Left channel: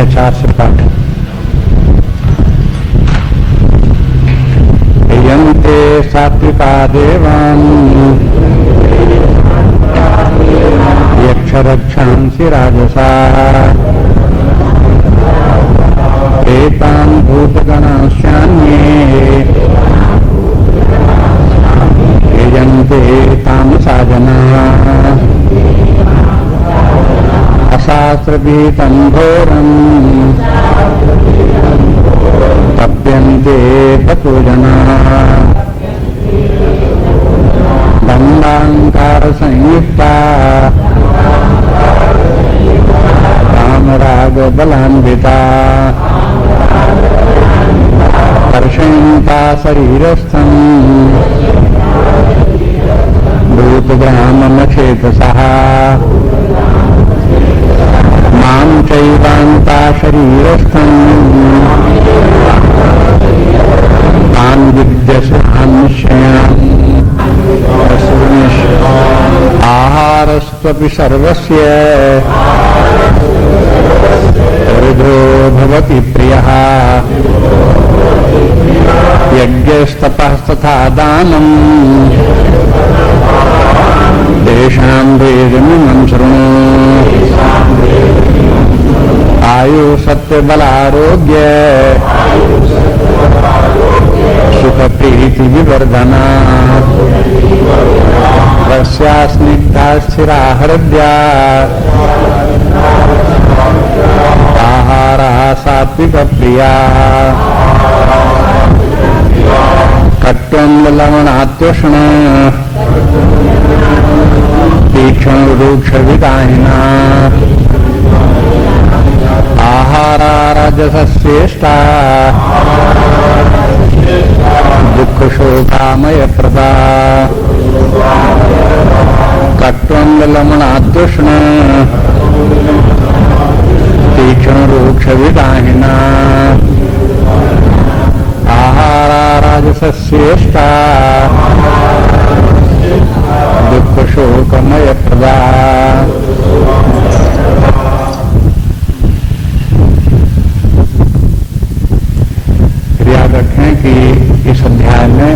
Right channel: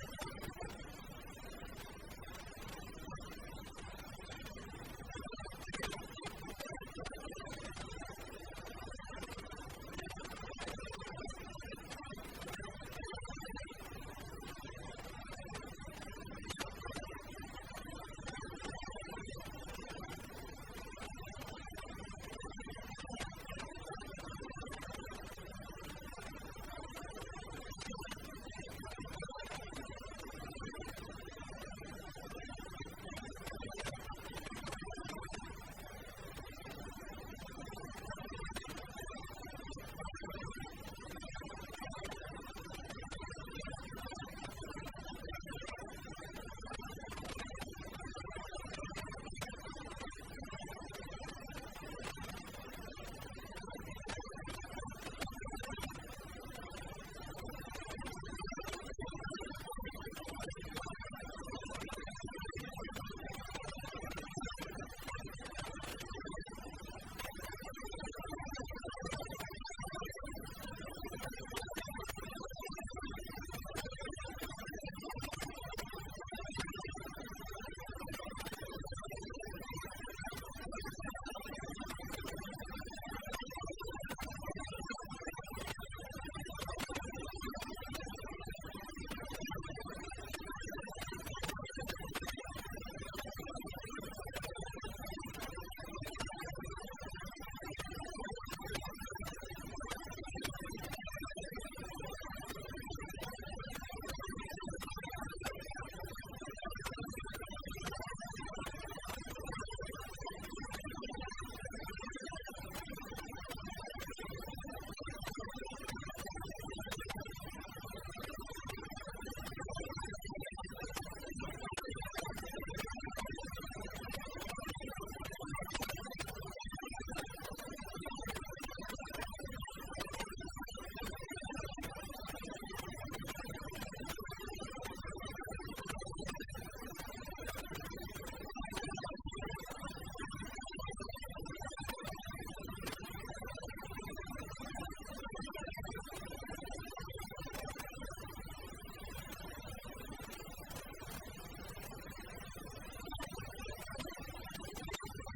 संख्या 4 से पाठ। यन्ते सात्विका देवान् यक्षरक्षांसि राजसाः एतान् भूतगणांश्चान्ये यजन्ते तामसा जनाः अशास्त्रभीतं घोरम् तप्यन्ते ततो जनाः दम्भाहंकारसंयुक्ता कामरागबलान्विता कर्षयन्ता शरीरस्थं भूतग्राममचेतसः मां चैवान्ता शरीरस्थं तान् विद्यसान्निश्चयान् आहारस्त्वपि सर्वस्य हृदो भवति प्रियः यज्ञस्तपस्तथा दानम् तेषां भेदमिमं शृणु आयु सत्यबलारोग्य सुखप्रीति विवर्धना रस्या स्निग्धा स्थिरा हृद्या आहारः सात्विकप्रिया कट्वं तीक्ष्णरूक्षविदाहिना आहारा राजसश्रेष्ठा दुःखशोकामयप्रदा कट्वं तीक्ष्णरूक्षविदाहिना आहारा राजसश्रेष्ठा दुःखशोकमयप्रदा। याद रखें कि इस अध्याय में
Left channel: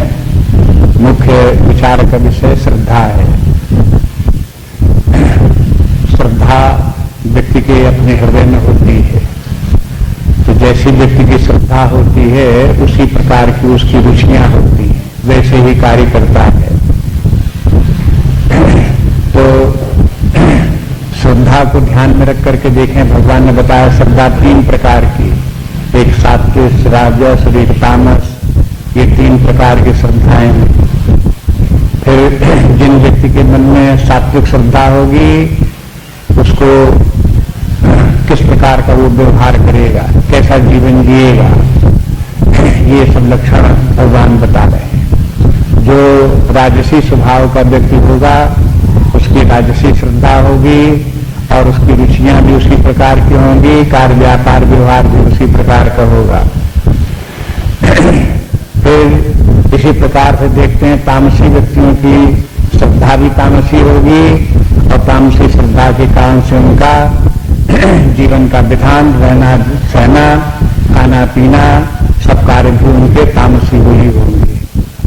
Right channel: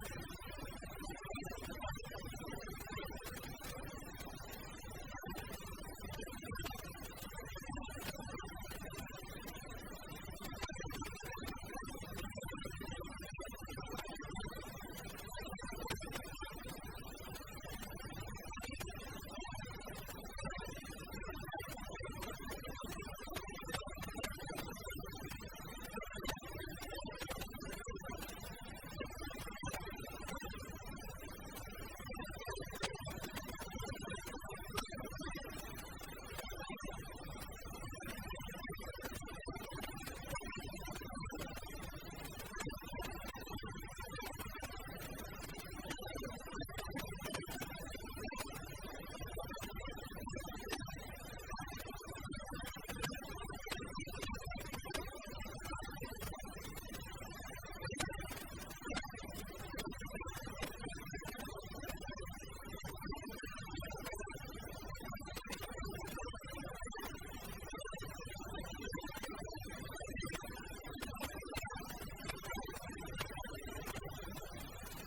मुख्य विचार का विषय श्रद्धा है। श्रद्धा व्यक्ति के अपने हृदय में होती है, तो जैसी व्यक्ति की श्रद्धा होती है उसी प्रकार की उसकी रुचियां होती हैं, वैसे ही कार्य करता है। तो श्रद्धा को ध्यान में रख करके देखें, भगवान ने बताया श्रद्धा 3 प्रकार की, एक सात्विक, राजस और एक तामस, ये 3 प्रकार की श्रद्धाएं हैं। फिर जिन व्यक्ति के मन में सात्विक श्रद्धा होगी उसको किस प्रकार का वो व्यवहार करेगा, कैसा जीवन जिएगा, ये सब लक्षण भगवान बता रहे हैं। जो राजसी स्वभाव का व्यक्ति होगा उसकी राजसी श्रद्धा होगी और उसकी रुचियां भी उसी प्रकार की होंगी, कार्य व्यापार व्यवहार भी उसी प्रकार का होगा। फिर इसी प्रकार से देखते हैं तामसी व्यक्तियों की श्रद्धा भी तामसी होगी और तामसी श्रद्धा के कारण से उनका जीवन का विधान, रहना सहना, खाना पीना, सब कार्य भी उनके तामसी ही होंगे,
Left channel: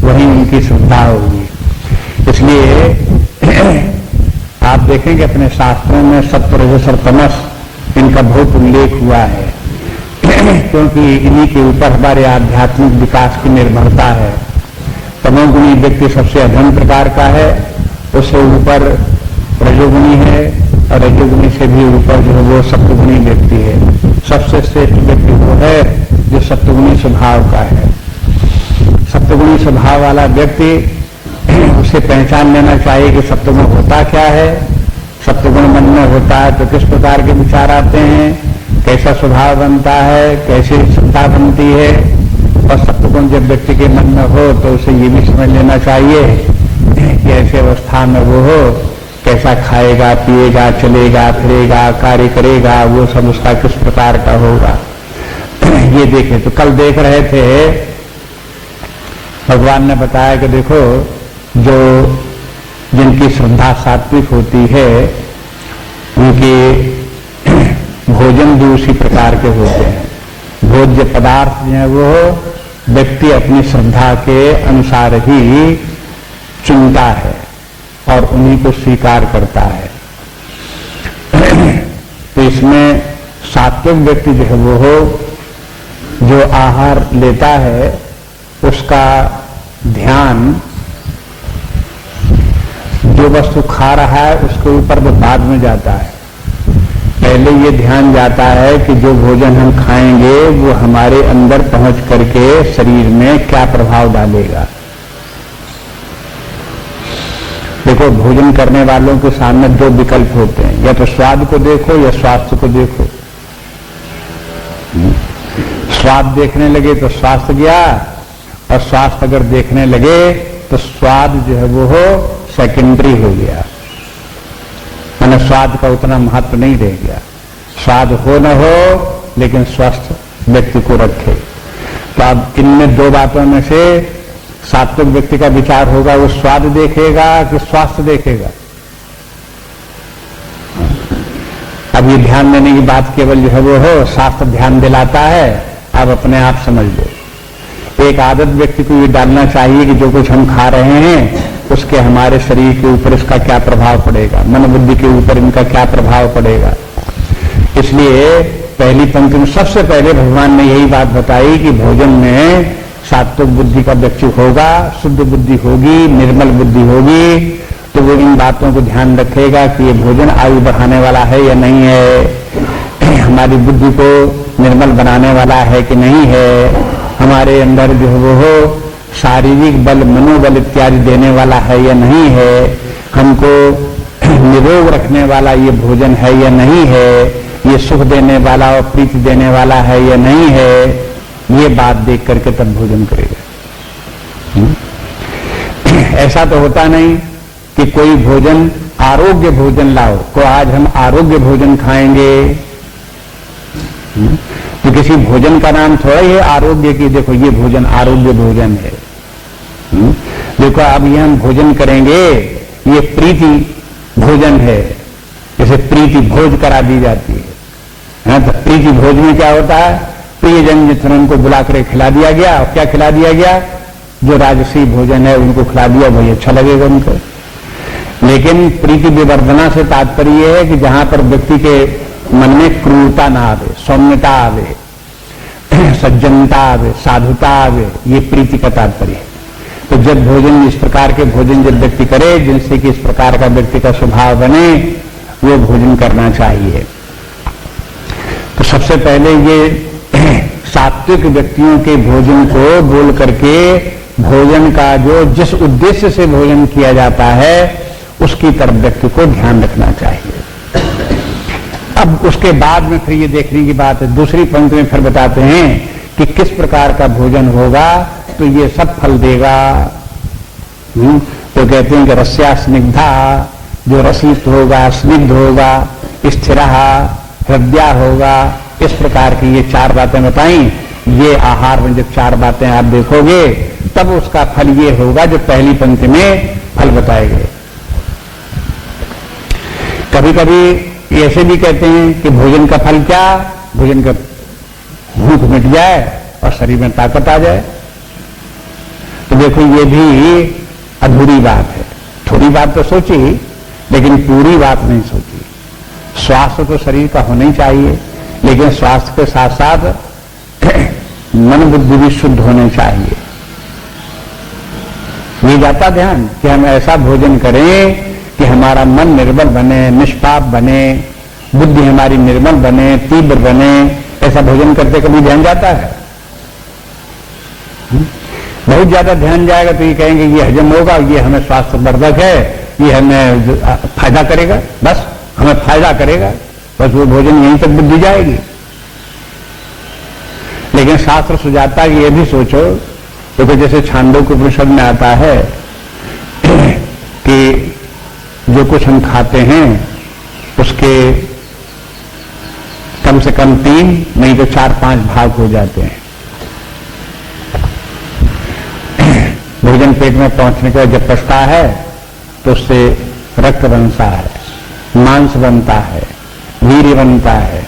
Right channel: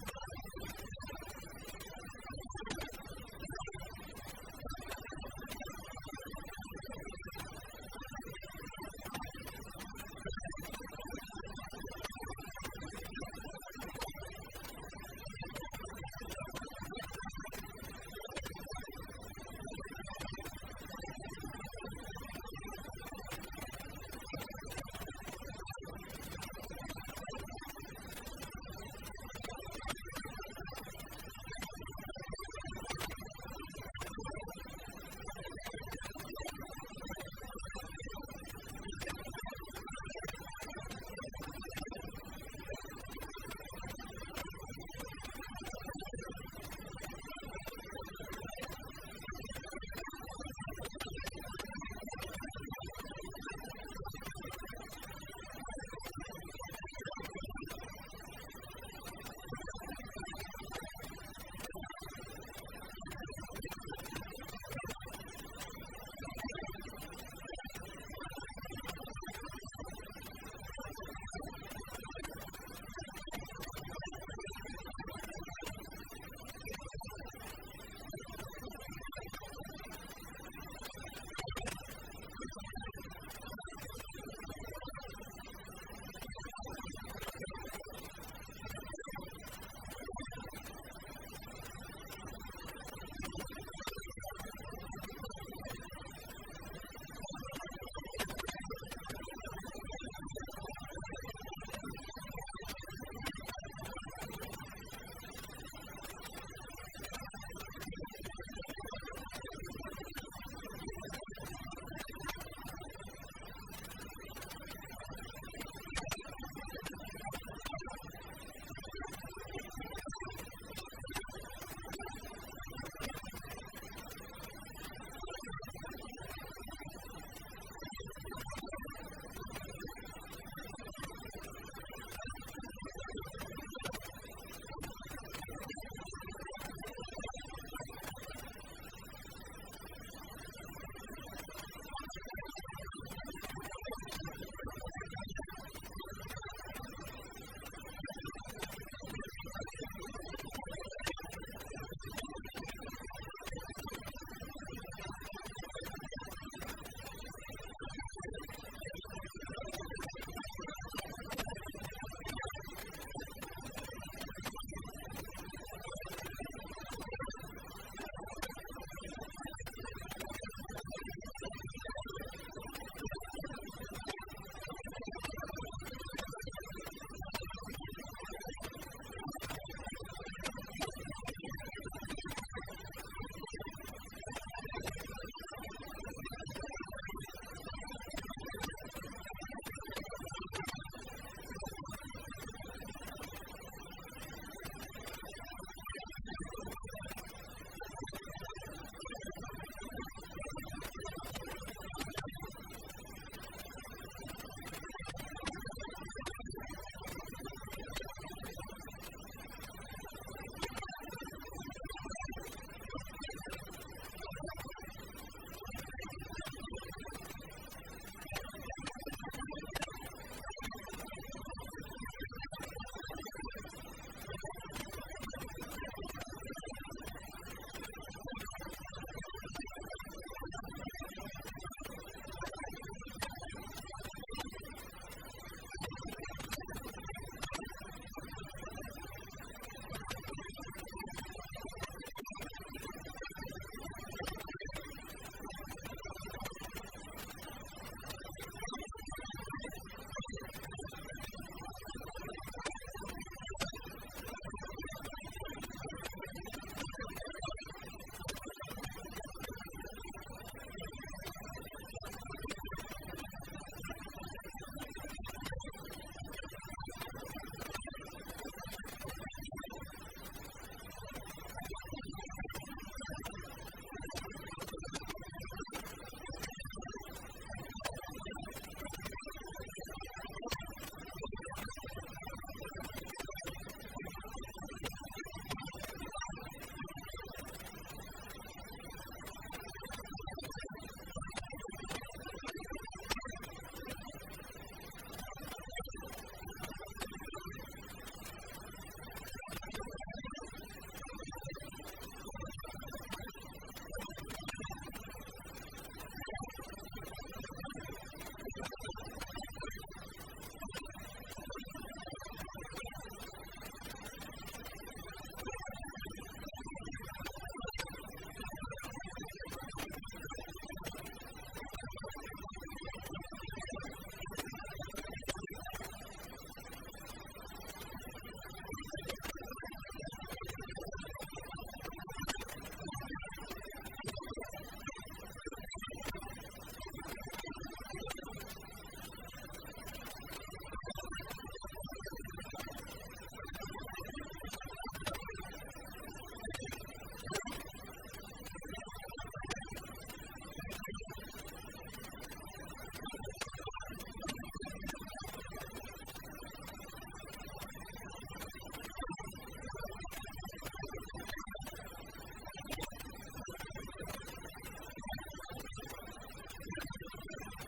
वही उनकी श्रद्धा होगी। इसलिए आप देखेंगे अपने शास्त्रों में सत्व, रजस और तमस इनका बहुत उल्लेख हुआ है क्योंकि इन्हीं के ऊपर हमारे आध्यात्मिक विकास की निर्भरता है। तमोगुणी व्यक्ति सबसे अधम प्रकार का है, उससे ऊपर रजोगुणी है और रजोगुणी से भी ऊपर जो वो सप्तगुणी व्यक्ति है। सबसे श्रेष्ठ व्यक्ति वो है जो सप्तगुणी स्वभाव का है। सप्तगुणी स्वभाव वाला व्यक्ति उसे पहचान लेना चाहिए कि सप्तगुण होता क्या है, सप्तगुण मन में होता है तो किस प्रकार के विचार आते हैं, कैसा स्वभाव बनता है, कैसी श्रद्धा बनती है। और सप्तगुण जब व्यक्ति के मन में हो तो उसे ये भी समझ लेना चाहिए कि ऐसे अवस्था में वो हो, कैसा खाएगा, पिएगा, चलेगा, फिरेगा, कार्य करेगा, वो सब उसका किस प्रकार का होगा। ये देखें तो कल देख रहे थे भगवान ने बताया कि देखो जो जिनकी श्रद्धा सात्विक होती है उनकी भोजन भी उसी प्रकार के होते हैं। भोज्य पदार्थ जो है वो व्यक्ति अपनी श्रद्धा के अनुसार ही चुनता है और उन्हीं को स्वीकार करता है। तो इसमें सात्विक व्यक्ति जो है वो जो आहार लेता है उसका ध्यान जो वस्तु खा रहा है उसके ऊपर वो बाद में जाता है। पहले ये ध्यान जाता है कि जो भोजन हम खाएंगे वो हमारे अंदर पहुंच करके शरीर में क्या प्रभाव डालेगा। देखो, भोजन करने वालों के सामने दो विकल्प होते हैं, या तो स्वाद को देखो या स्वास्थ्य को देखो। स्वाद देखने लगे तो स्वास्थ्य गया, और स्वास्थ्य अगर देखने लगे तो स्वाद जो है वो सेकेंडरी हो गया, माने स्वाद का उतना महत्व नहीं रह गया। स्वाद हो न हो लेकिन स्वस्थ व्यक्ति को रखे। तो अब इनमें दो बातों में से सात्विक व्यक्ति का विचार होगा, वो स्वाद देखेगा कि स्वास्थ्य देखेगा। अब ये ध्यान देने की बात केवल जो है वो हो, शास्त्र ध्यान दिलाता है, आप अपने आप समझ लो। एक आदत व्यक्ति को ये डालना चाहिए कि जो कुछ हम खा रहे हैं उसके हमारे शरीर के ऊपर इसका क्या प्रभाव पड़ेगा, मन बुद्धि के ऊपर इनका क्या प्रभाव पड़ेगा। इसलिए पहली पंक्ति में सबसे पहले भगवान ने यही बात बताई कि भोजन में सात्विक बुद्धि का व्यक्ति होगा, शुद्ध बुद्धि होगी, निर्मल बुद्धि होगी, तो वो इन बातों को ध्यान रखेगा कि ये भोजन आयु बढ़ाने वाला है या नहीं है, हमारी बुद्धि को निर्मल बनाने वाला है कि नहीं है, हमारे अंदर जो है वो शारीरिक बल, मनोबल इत्यादि देने वाला है या नहीं है, हमको निरोग रखने वाला ये भोजन है या नहीं है, ये सुख देने वाला और प्रीति देने वाला है या नहीं है, ये बात देख करके तब भोजन करेगा। ऐसा तो होता नहीं कि कोई भोजन आरोग्य भोजन लाओ, तो आज हम आरोग्य भोजन खाएंगे, तो किसी भोजन का नाम थोड़ा ही है आरोग्य की, देखो ये भोजन आरोग्य भोजन है। देखो अब ये हम भोजन करेंगे, ये प्रीति भोजन है, जैसे प्रीति भोज करा दी जाती है। तो प्रीति भोज में क्या होता है, प्रियजन जितने उनको बुला कर खिला दिया गया, और क्या खिला दिया गया, जो राजसी भोजन है उनको खिला दिया, वही अच्छा लगेगा उनको। लेकिन प्रीति विवर्धना से तात्पर्य है कि जहां पर व्यक्ति के मन में क्रूरता ना आवे, सौम्यता आवे, सज्जनता आवे, साधुता आवे, ये प्रीति का तात्पर्य है। तो जब भोजन इस प्रकार के भोजन जब व्यक्ति करे जिनसे कि इस प्रकार का व्यक्ति का स्वभाव बने, वो भोजन करना चाहिए। तो सबसे पहले ये सात्विक व्यक्तियों के भोजन को बोल करके भोजन का जो जिस उद्देश्य से भोजन किया जाता है उसकी तरफ व्यक्ति को ध्यान रखना चाहिए। अब उसके बाद में फिर ये देखने की बात है, दूसरी पंक्ति में फिर बताते हैं कि किस प्रकार का भोजन होगा तो ये सब फल देगा। तो कहते हैं कि रस्या स्निग्धा, जो रसित होगा, स्निग्ध होगा, स्थिर हृदय होगा, इस प्रकार की ये चार बातें बताई। ये आहार में जब चार बातें आप देखोगे तब उसका फल ये होगा जो पहली पंक्ति में फल बताए गए। कभी कभी ऐसे भी कहते हैं कि भोजन का फल क्या, भोजन का भूख मिट जाए और शरीर में ताकत आ जाए। तो देखो ये भी अधूरी बात है, थोड़ी बात तो सोची लेकिन पूरी बात नहीं सोची। स्वास्थ्य तो शरीर का होना ही चाहिए, लेकिन स्वास्थ्य के साथ साथ मन बुद्धि भी शुद्ध होने चाहिए। ये जाता ध्यान कि हम ऐसा भोजन करें कि हमारा मन निर्मल बने, निष्पाप बने, बुद्धि हमारी निर्मल बने, तीव्र बने। ऐसा भोजन करते कभी ध्यान जाता है? बहुत ज्यादा ध्यान जाएगा तो ये कहेंगे ये हजम होगा, ये हमें स्वास्थ्य वर्धक है, ये हमें फायदा करेगा, बस हमें फायदा करेगा, बस वो भोजन यहीं तक बुद्धि जाएगी। लेकिन शास्त्र सुझाता है कि ये भी सोचो, तो जैसे छांदोग्य उपनिषद में आता है कि जो कुछ हम खाते हैं उसके कम से कम 3 नहीं तो 4-5 भाग हो जाते हैं। भोजन पेट में पहुंचने के बाद जब पचता है तो उससे रक्त बनता है, मांस बनता है, वीर्य बनता है,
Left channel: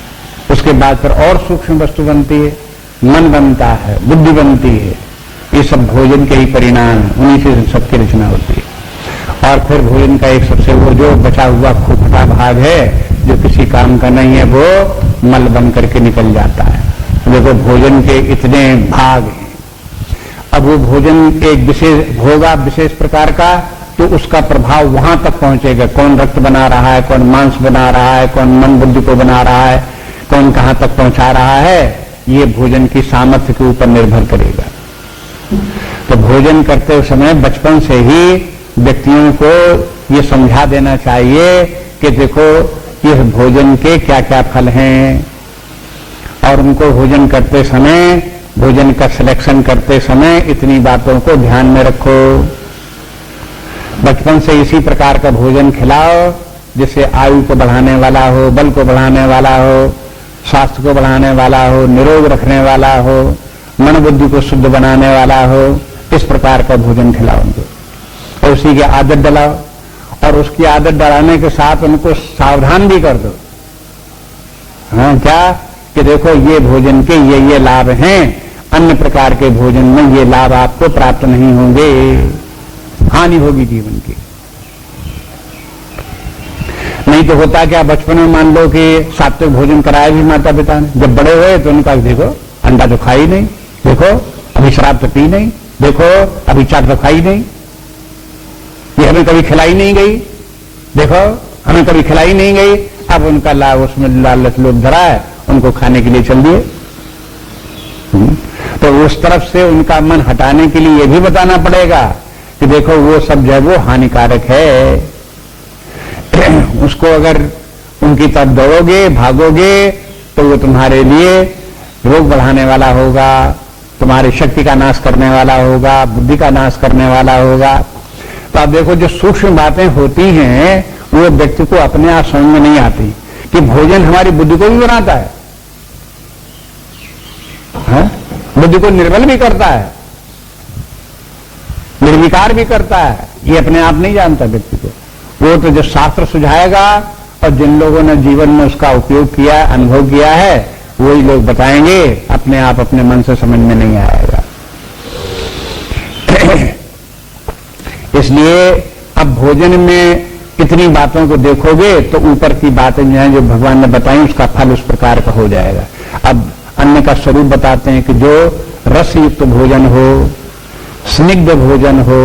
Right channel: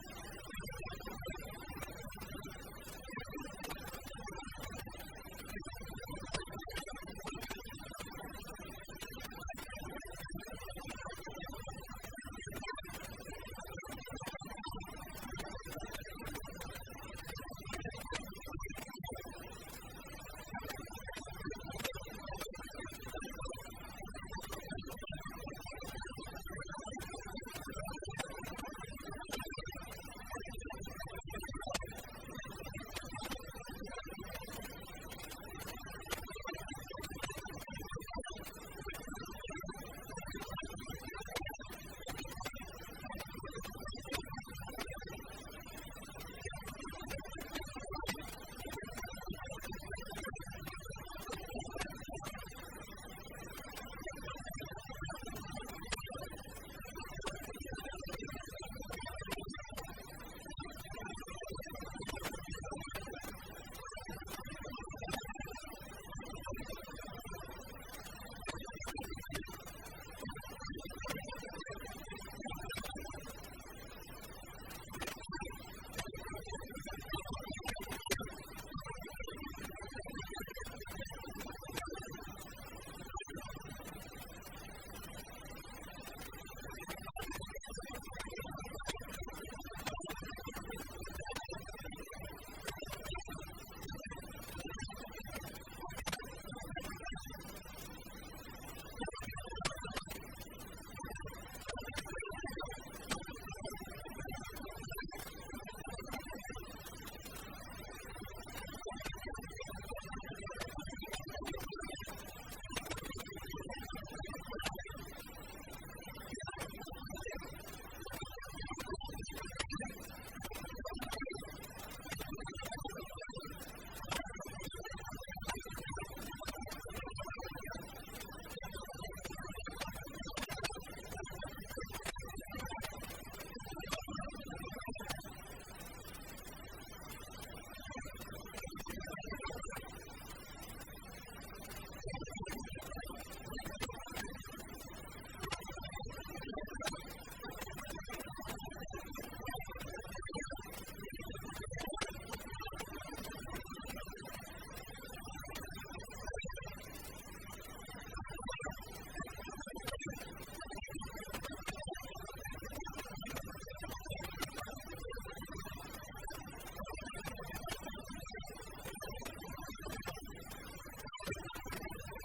उसके बाद फिर और सूक्ष्म वस्तु बनती है, मन बनता है, बुद्धि बनती है। ये सब भोजन के ही परिणाम है, उन्हीं से सबकी रचना होती है। और फिर भोजन का एक सबसे वो जो बचा हुआ खोखला भाग है जो किसी काम का नहीं है, वो मल बन करके निकल जाता है। देखो भोजन के इतने भाग हैं। अब वो भोजन एक विशेष होगा विशेष प्रकार का, तो उसका प्रभाव वहां तक पहुंचेगा। कौन रक्त बना रहा है, कौन मांस बना रहा है, कौन मन बुद्धि को बना रहा है, कौन कहां तक पहुंचा रहा है, ये भोजन की सामर्थ्य के ऊपर निर्भर करेगा। तो भोजन करते समय बचपन से ही व्यक्तियों को ये समझा देना चाहिए कि देखो इस भोजन के क्या क्या फल हैं, और उनको भोजन करते समय, भोजन का सिलेक्शन करते समय इतनी बातों को ध्यान में रखो। बचपन से इसी प्रकार का भोजन खिलाओ जिससे आयु को बढ़ाने वाला हो, बल को बढ़ाने वाला हो, स्वास्थ्य को बढ़ाने वाला हो, निरोग रखने वाला हो, मन बुद्धि को शुद्ध बनाने वाला हो। इस प्रकार का भोजन खिलाओ उनको और उसी की आदत डलाओ, और उसकी आदत डलाने के साथ उनको सावधान भी कर दो। हाँ, क्या कि देखो ये भोजन के ये लाभ हैं, अन्य प्रकार के भोजन में ये लाभ आपको प्राप्त नहीं होंगे, हानि होगी जीवन की। नहीं तो होता क्या, बचपन में मान लो कि सात्विक भोजन कराया भी माता पिता ने, जब बड़े हुए तो उनका देखो अंडा तो खा ही नहीं, देखो अभी शराब तो पी नहीं, देखो अभी चाट तो खाई नहीं, ये हमें कभी खिलाई नहीं गई, देखो हमें कभी खिलाई नहीं गई। अब उनका लाभ उसमें लालच लोभ धरा है, उनको खाने के लिए चल दिए। तो उस तरफ से उनका मन हटाने के लिए ये भी बताना पड़ेगा कि देखो वो सब जो है वो हानिकारक है। उसको अगर उनकी तरफ दौड़ोगे, भागोगे, तो वो तुम्हारे लिए रोग बढ़ाने वाला होगा, तुम्हारी शक्ति का नाश करने वाला होगा, बुद्धि का नाश करने वाला होगा। तो आप देखो जो सूक्ष्म बातें होती हैं वो व्यक्ति को अपने आप समझ में नहीं आती कि भोजन हमारी बुद्धि को भी बनाता है, बुद्धि को निर्बल भी करता है, निर्विकार भी करता है। ये अपने आप नहीं जानता व्यक्ति को। वो तो जो शास्त्र सुझाएगा और जिन लोगों ने जीवन में उसका उपयोग किया, अनुभव किया है, वही लोग बताएंगे, अपने आप अपने मन से समझ में नहीं आएगा। इसलिए अब भोजन में इतनी बातों को देखोगे तो ऊपर की बातें जो हैं जो भगवान ने बताई उसका फल उस प्रकार का हो जाएगा। अब अन्न का स्वरूप बताते हैं कि जो रस युक्त भोजन हो, स्निग्ध भोजन हो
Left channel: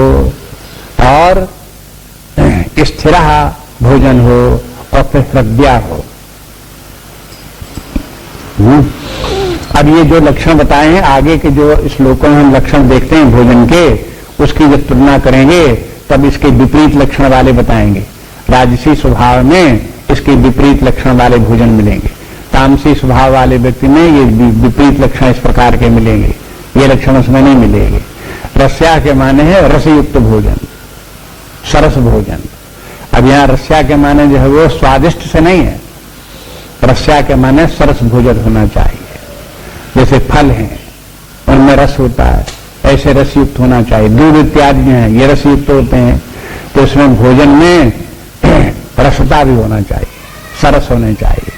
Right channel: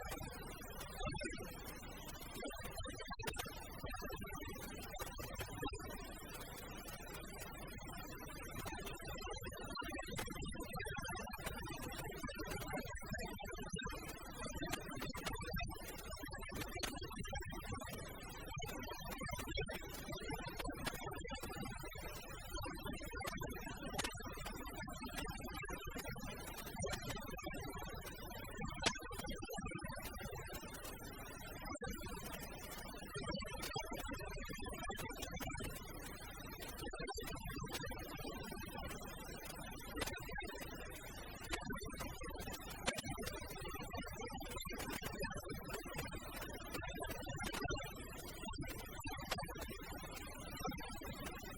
और स्थिर भोजन हो और फिर हृदया हो। अब ये जो लक्षण बताए हैं आगे के जो श्लोकों में हम लक्षण देखते हैं भोजन के, उसकी जब तुलना करेंगे तब इसके विपरीत लक्षण वाले बताएंगे। राजसी स्वभाव में इसके विपरीत लक्षण वाले भोजन मिलेंगे, तामसी स्वभाव वाले व्यक्ति में ये विपरीत लक्षण इस प्रकार के मिलेंगे, ये लक्षण उसमें नहीं मिलेंगे। रस्या के माने है रसयुक्त भोजन, सरस भोजन। अब यहाँ रस्या के माने जो है वो स्वादिष्ट से नहीं है, रस्या के माने सरस भोजन होना चाहिए। जैसे फल हैं उनमें रस होता है, ऐसे रसयुक्त होना चाहिए। दूध इत्यादि जो है ये रसयुक्त होते हैं, तो उसमें भोजन में रसता भी होना चाहिए, सरस होने चाहिए।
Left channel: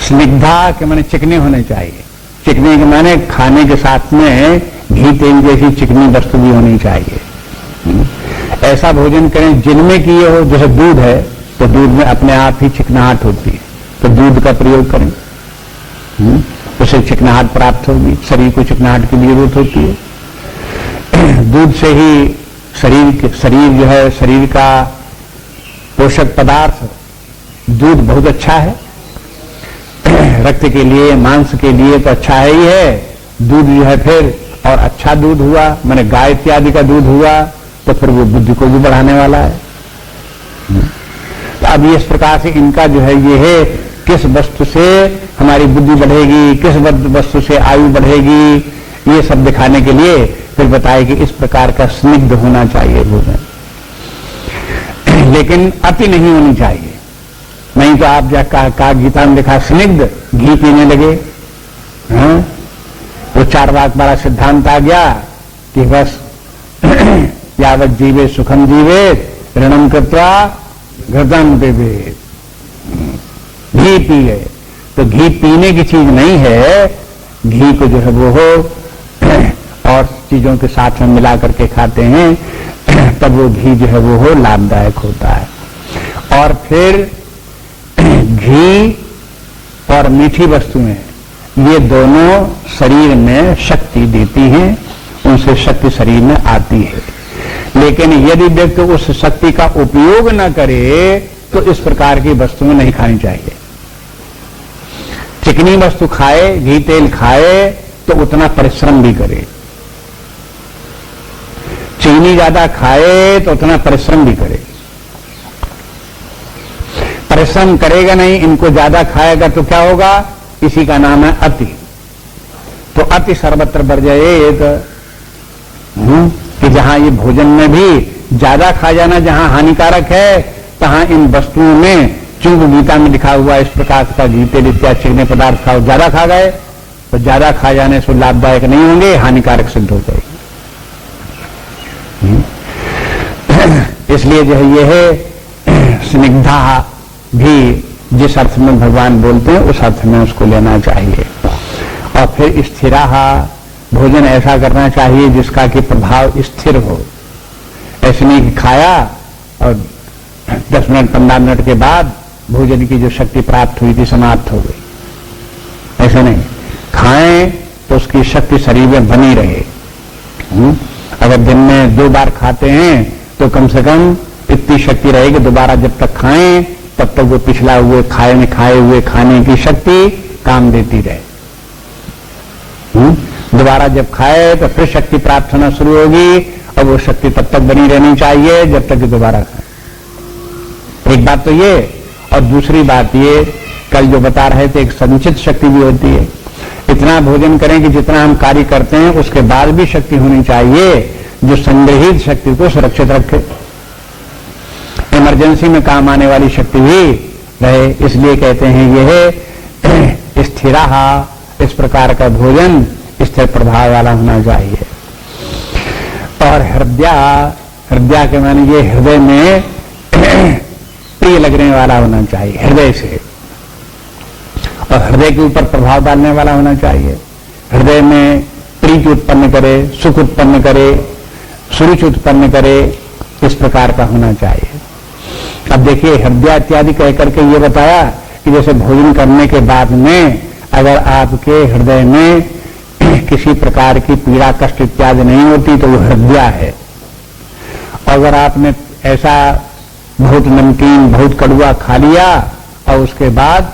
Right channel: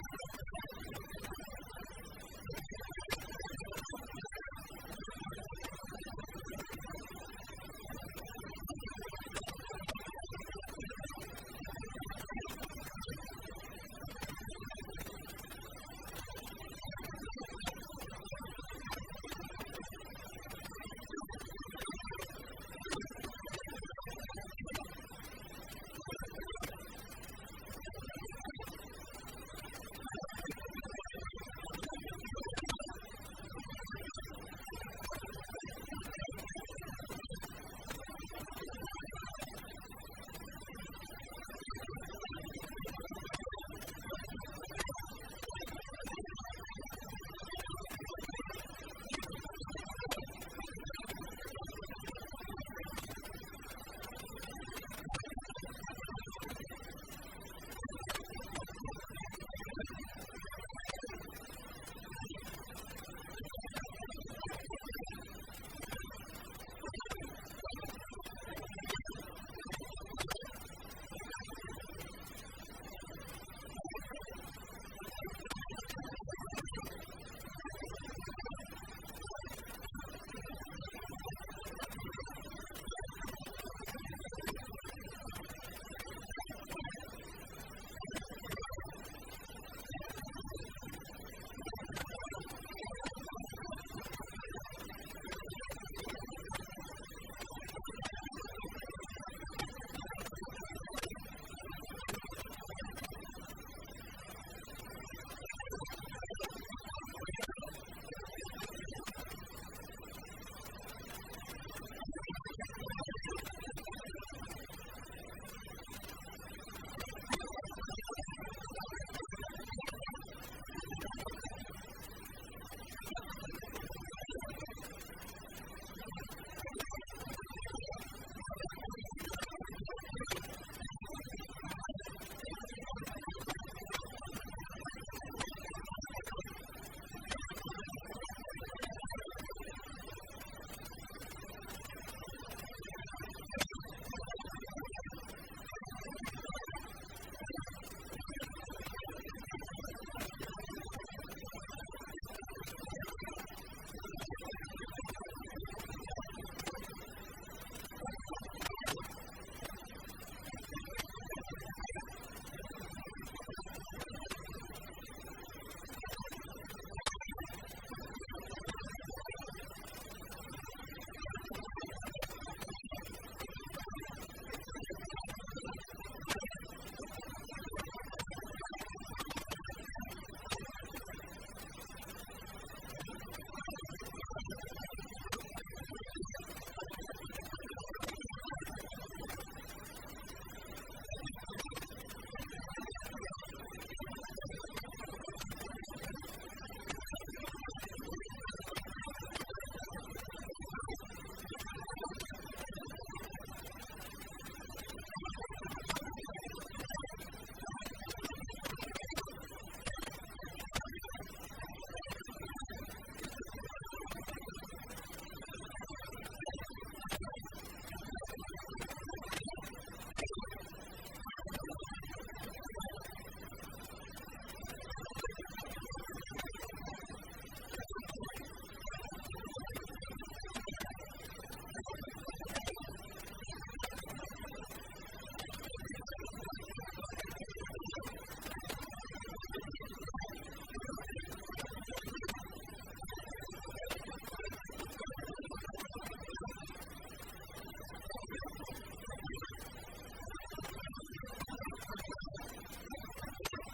स्निग्धा के माने चिकने होने चाहिए, चिकने के माने खाने के साथ में घी तेल जैसी चिकनी वस्तु भी होनी चाहिए। ऐसा भोजन करें जिनमें कि ये हो, जैसे दूध है तो दूध में अपने आप ही चिकनाहट होती है, तो दूध का प्रयोग करें, उसे चिकनाहट प्राप्त होगी। शरीर को चिकनाहट की जरूरत होती है। दूध से ही शरीर जो है, शरीर का पोषक पदार्थ दूध बहुत अच्छा है, रक्त के लिए, मांस के लिए तो अच्छा है ही है। दूध जो है फिर और अच्छा दूध हुआ, माने गाय इत्यादि का दूध हुआ, तो फिर वो बुद्धि को भी बढ़ाने वाला है। तो अब इस प्रकार से इनका जो है ये है, किस वस्तु से हमारी बुद्धि बढ़ेगी, किस वस्तु से आयु बढ़ेगी, ये सब दिखाने के लिए फिर बताए कि इस प्रकार का स्निग्ध होना चाहिए भोजन, लेकिन अति नहीं होनी चाहिए। नहीं तो आप जो का गीता में लिखा स्निग्ध घी पीने लगे, वो चारवाक वाला सिद्धांत आ गया कि बस यावत जीवे सुखम जीवे ऋणम कृत्वा घृतम देवे, घी पी गए। तो घी पीने की चीज नहीं है, घी को जो है वो हो और चीजों के साथ में मिला करके खाते हैं तब वो घी जो है वो हो लाभदायक होता है। और फिर घी और मीठी वस्तुएं ये दोनों शरीर में शक्ति देती हैं, उनसे शक्ति शरीर में आती है। लेकिन यदि व्यक्ति उस शक्ति का उपयोग न करे तो इस प्रकार की वस्तुएं नहीं खानी चाहिए। चिकनी वस्तु खाए, घी तेल खाए तो उतना परिश्रम भी करे, चीनी ज्यादा खाए तो उतना परिश्रम भी करे। परिश्रम करेगा नहीं, इनको ज्यादा खाएगा तो क्या होगा, इसी का नाम है अति। तो अति सर्वत्र वर्जयेत, कि जहां ये भोजन में भी ज्यादा खा जाना जहां हानिकारक है, तहां इन वस्तुओं में चुंग गीता में लिखा हुआ इस प्रकार का गीते इत्यादि चिकने पदार्थ खाओ, ज्यादा खा गए तो ज्यादा खा जाने से लाभदायक नहीं होंगे, हानिकारक सिद्ध हो जाएगी। इसलिए जो है ये है स्निग्धा भी जिस अर्थ में भगवान बोलते हैं उस अर्थ में उसको लेना चाहिए। और फिर स्थिरा, भोजन ऐसा करना चाहिए जिसका कि प्रभाव स्थिर हो। ऐसे नहीं कि खाया और 10 मिनट 15 मिनट के बाद भोजन की जो शक्ति प्राप्त हुई थी समाप्त हो गई, ऐसा नहीं। खाएं तो उसकी शक्ति शरीर में बनी रहे। अगर दिन में 2 बार खाते हैं तो कम से कम इतनी शक्ति रहेगी, दोबारा जब तक खाएं तब तक वो पिछला हुए खाए हुए खाने की शक्ति काम देती रहे। दोबारा जब खाए तो फिर शक्ति प्राप्त होना शुरू होगी और वो शक्ति तब तक बनी रहनी चाहिए जब तक कि दोबारा खाए। एक बात तो ये, और दूसरी बात ये, कल जो बता रहे थे एक संचित शक्ति भी होती है। इतना भोजन करें कि जितना हम कार्य करते हैं उसके बाद भी शक्ति होनी चाहिए जो संग्रहित शक्ति को सुरक्षित रखे, इमरजेंसी में काम आने वाली शक्ति भी रहे। इसलिए कहते हैं यह स्थिरा, इस प्रकार का भोजन स्थिर प्रभाव वाला होना चाहिए। और हृदय के माने ये हृदय में प्रिय लगने वाला होना चाहिए, हृदय से, और हृदय के ऊपर प्रभाव डालने वाला होना चाहिए। हृदय में प्रीति उत्पन्न करे, सुख उत्पन्न करे, सुरुचि उत्पन्न करे, इस प्रकार का होना चाहिए। अब देखिए हृदय इत्यादि कह करके ये बताया कि जैसे भोजन करने के बाद में अगर आपके हृदय में किसी प्रकार की पीड़ा कष्ट इत्यादि नहीं होती तो वो हृदय है। अगर आपने ऐसा बहुत नमकीन बहुत कड़वा खा लिया और उसके बाद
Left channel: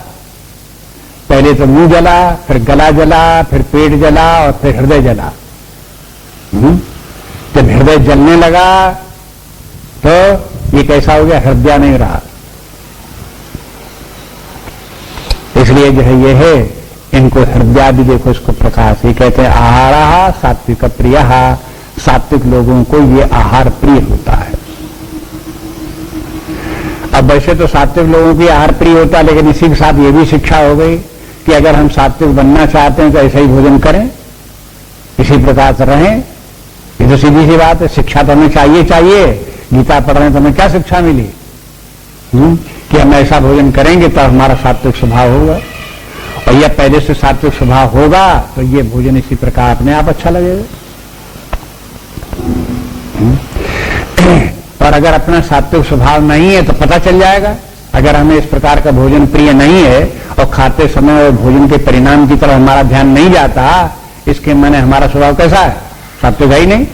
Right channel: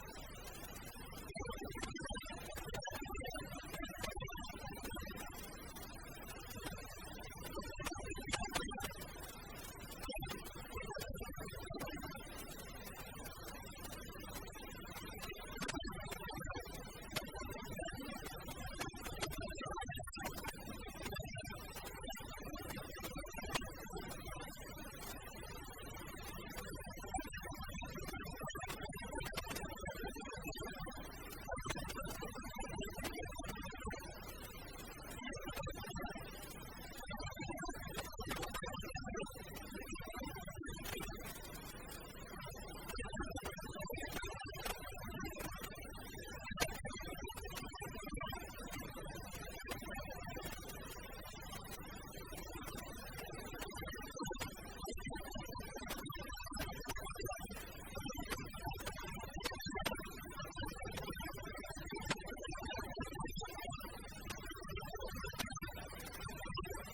पहले तो मुंह जला, फिर गला जला, फिर पेट जला और फिर हृदय जला, जब हृदय जलने लगा तो ये कैसा हो गया, हृदय नहीं रहा। इसलिए जो है ये है, इनको हृदय भी देखो इसको प्रकाश, ये कहते हैं आहार सात्विक प्रिय, सात्विक लोगों को ये आहार प्रिय होता है। अब वैसे तो सात्विक लोगों की आहार प्रिय होता है, लेकिन इसी के साथ ये भी शिक्षा हो गई कि अगर हम सात्विक बनना चाहते हैं तो ऐसा ही भोजन करें, इसी प्रकार से रहें। ये तो सीधी सी बात है, शिक्षा तो हमें चाहिए। गीता पढ़ रहे हैं तो हमें क्या शिक्षा मिली कि हम ऐसा भोजन करेंगे तो हमारा सात्विक स्वभाव होगा, और यह पहले से सात्विक स्वभाव होगा तो ये भोजन इसी प्रकार अपने आप अच्छा लगेगा। और अगर अपना सात्विक स्वभाव नहीं है तो पता चल जाएगा। अगर हमें इस प्रकार का भोजन प्रिय नहीं है और खाते समय भोजन के परिणाम की तरफ हमारा ध्यान नहीं जाता, इसके माने हमारा स्वभाव कैसा है, सात्विक है ही नहीं।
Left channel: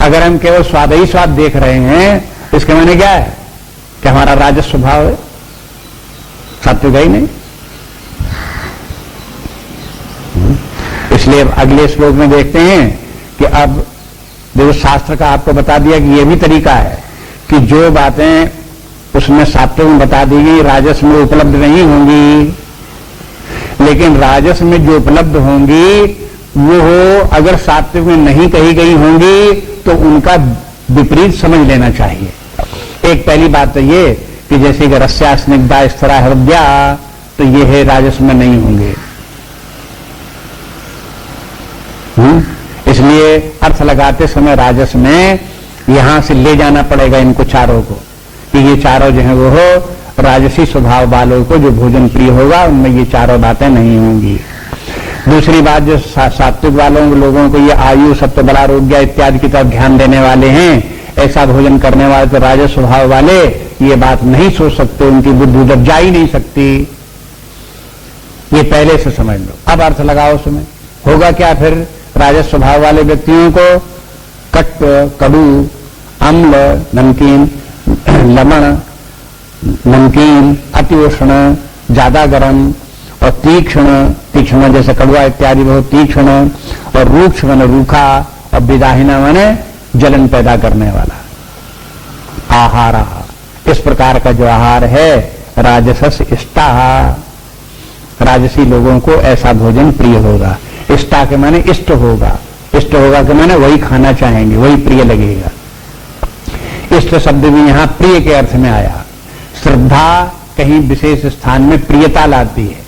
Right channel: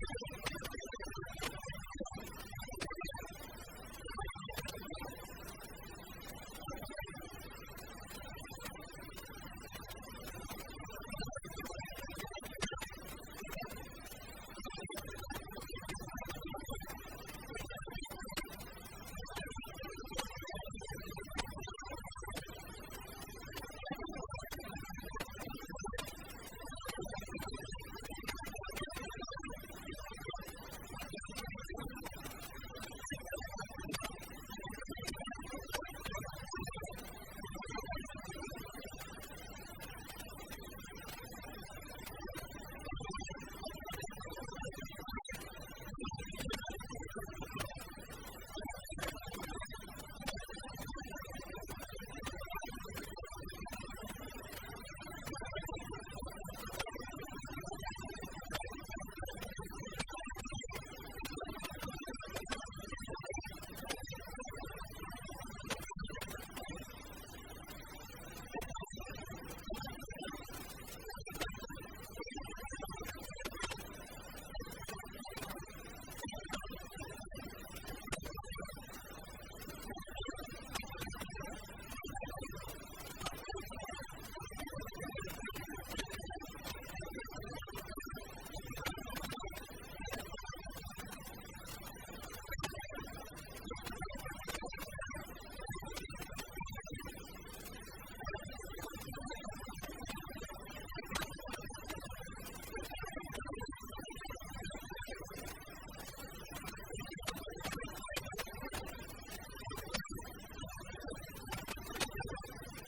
अगर हम केवल स्वाद ही स्वाद देख रहे हैं, इसके माने क्या है कि हमारा राजस स्वभाव है, सात्विक है ही नहीं। इसलिए अगले श्लोक में देखते हैं कि अब देखो शास्त्र का आपको बता दिया कि यह भी तरीका है कि जो बातें उसमें सात्विक में बता दी गई राजस में उपलब्ध नहीं होंगी, लेकिन राजस में जो उपलब्ध होंगी वो अगर सात्विक में नहीं कही गई होंगी तो उनका विपरीत समझ लेना चाहिए। एक पहली बात तो ये कि जैसे कि रस्या स्निग्धा स्थिरा हृदय, तो ये है राजस में नहीं होंगे। इसलिए अर्थ लगाते समय राजस में यहां से ले जाना पड़ेगा इनको चारों को, कि ये चारों जो है वो राजसी स्वभाव वालों को जो भोजन प्रिय होगा उनमें ये चारों बातें नहीं होंगी। दूसरी बात, जो सात्विक वालों लोगों को ये आयु, सत्व, बल, आरोग्य इत्यादि की तरफ ध्यान देने वाले हैं, ऐसा भोजन करने वाले तो राजस स्वभाव वाले ये बात नहीं सोच सकते, उनकी बुद्धि उधर जा ही नहीं सकती। ये पहले से समझ लो। अब अर्थ लगाओ उसमें। होगा क्या फिर? राजस स्वभाव वाले व्यक्तियों को कट्व, कड़ू, अम्ल, नमकीन, लवण, नमकीन, अति उष्ण, ज्यादा गर्म और तीक्ष्ण, तीक्ष्ण जैसे कड़वा इत्यादि बहुत तीक्ष्ण, और रूक्ष माने रूखा, और विदाहिना माने जलन पैदा करने वाला आहार। इस प्रकार का जो आहार है राजसस इष्टा, राजसी लोगों को ऐसा भोजन प्रिय होगा। इष्टा के माने इष्ट होगा, इष्ट होगा के माने वही खाना चाहेंगे, वही प्रिय लगेगा। इष्ट शब्द भी यहां प्रिय के अर्थ में आया। श्रद्धा कहीं विशेष स्थान में प्रियता लाती है।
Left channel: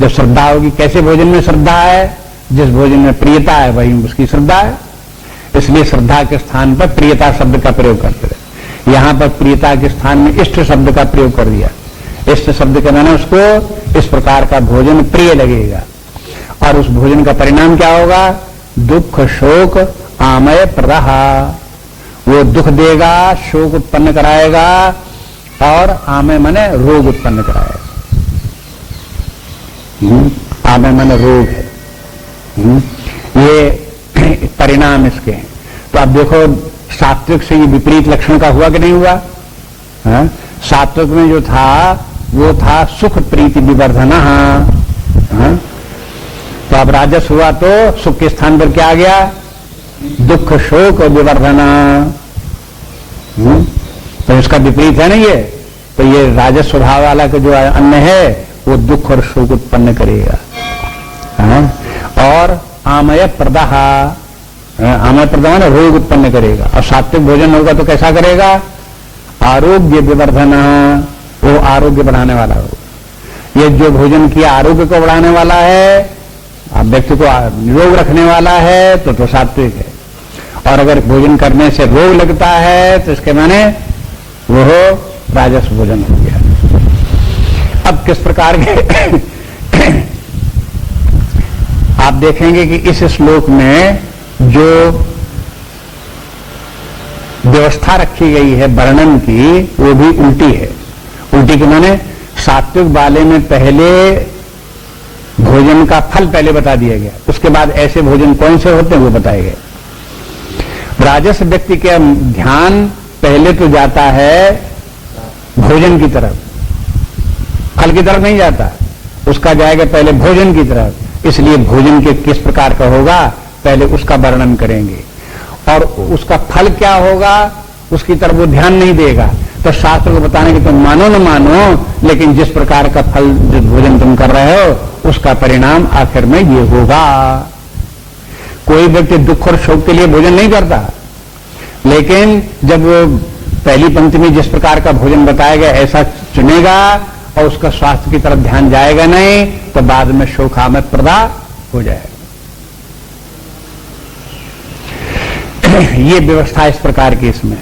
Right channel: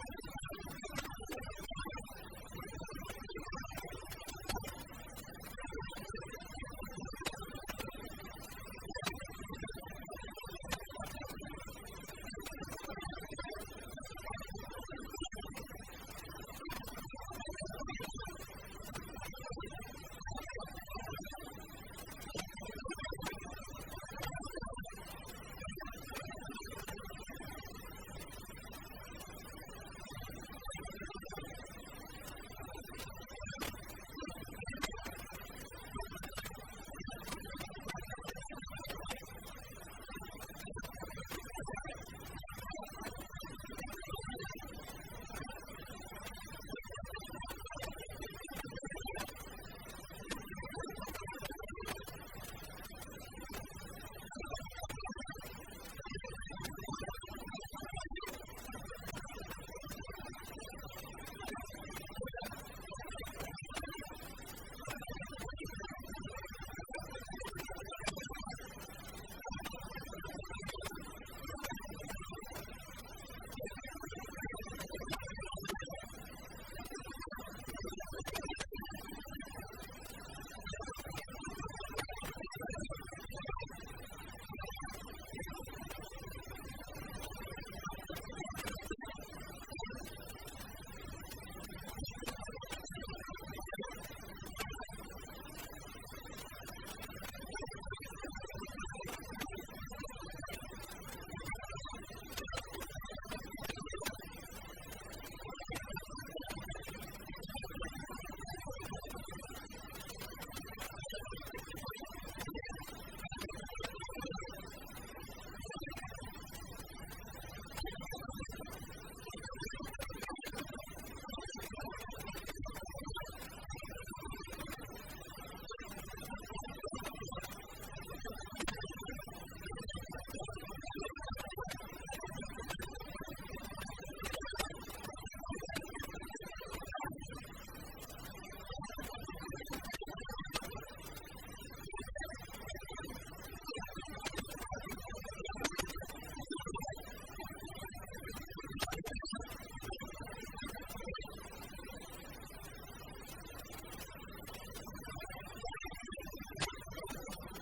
जब श्रद्धा होगी, कैसे भोजन में श्रद्धा है? जिस भोजन में प्रियता है वही उसकी श्रद्धा है। इसलिए श्रद्धा के स्थान पर प्रियता शब्द का प्रयोग करते रहे। यहां पर प्रियता के स्थान में इष्ट शब्द का प्रयोग कर दिया। इष्ट शब्द के माने उसको इस प्रकार का भोजन प्रिय लगेगा। और उस भोजन का परिणाम क्या होगा? दुख, शोक, आमय प्रदाह। वो दुख देगा, शोक उत्पन्न कराएगा, और आमय माने रोग उत्पन्न कराएगा। आमय माने रोग है। ये परिणाम इसके हैं। तो अब देखो, सात्विक से ये विपरीत लक्षण का हुआ कि नहीं हुआ? सात्विक में जो था वो था सुख प्रीति विवर्धना। तो अब राजस हुआ तो सुख के स्थान पर क्या आ गया? दुख, शोक और विवर्धना। तो इसका विपरीत है ना ये। तो ये राजस स्वभाव वाला का जो अन्न है वो दुख और शोक उत्पन्न करेगा। और आमय प्रदाह, आमय प्रदाह ना रोग उत्पन्न करेगा। और सात्विक भोजन होगा तो कैसा करेगा? आरोग्य विवर्धना, वो आरोग्य बढ़ाने वाला होगा। ये जो भोजन किया आरोग्य को बढ़ाने वाला है, व्यक्ति को निरोग रखने वाला है, तो सात्विक है। और अगर भोजन करने से रोग लगता है तो इसके माने वो राजस भोजन हो गया। अब किस प्रकार के आप देखेंगे कि इस श्लोक में जो व्यवस्था रखी गई है वर्णन की वो भी उल्टी है। उल्टी के माने सात्विक वाले में पहले भोजन का फल पहले बता दिया गया, उसके बाद ऐसे भोजन कौन से होते हैं वो बताए गए। राजस व्यक्ति का ध्यान पहले तो जाता है भोजन की तरफ, फल की तरफ नहीं जाता, उसका जाएगा पहले भोजन की तरफ। इसलिए भोजन के किस प्रकार का होगा पहले उसका वर्णन करेंगे, और उसका फल क्या होगा उसकी तरफ वो ध्यान नहीं देगा। तो शास्त्र को बताने कि तुम मानो न मानो, लेकिन जिस प्रकार का फल जो भोजन तुम कर रहे हो उसका परिणाम आखिर में ये होगा। कोई व्यक्ति दुख और शोक के लिए भोजन नहीं करता, लेकिन जब वो पहली पंक्ति में जिस प्रकार का भोजन बताया गया ऐसा चुनेगा और उसका स्वास्थ्य की तरफ ध्यान जाएगा नहीं, तो बाद में शोकामय प्रदा हो जाएगा। ये व्यवस्था इस प्रकार की इसमें।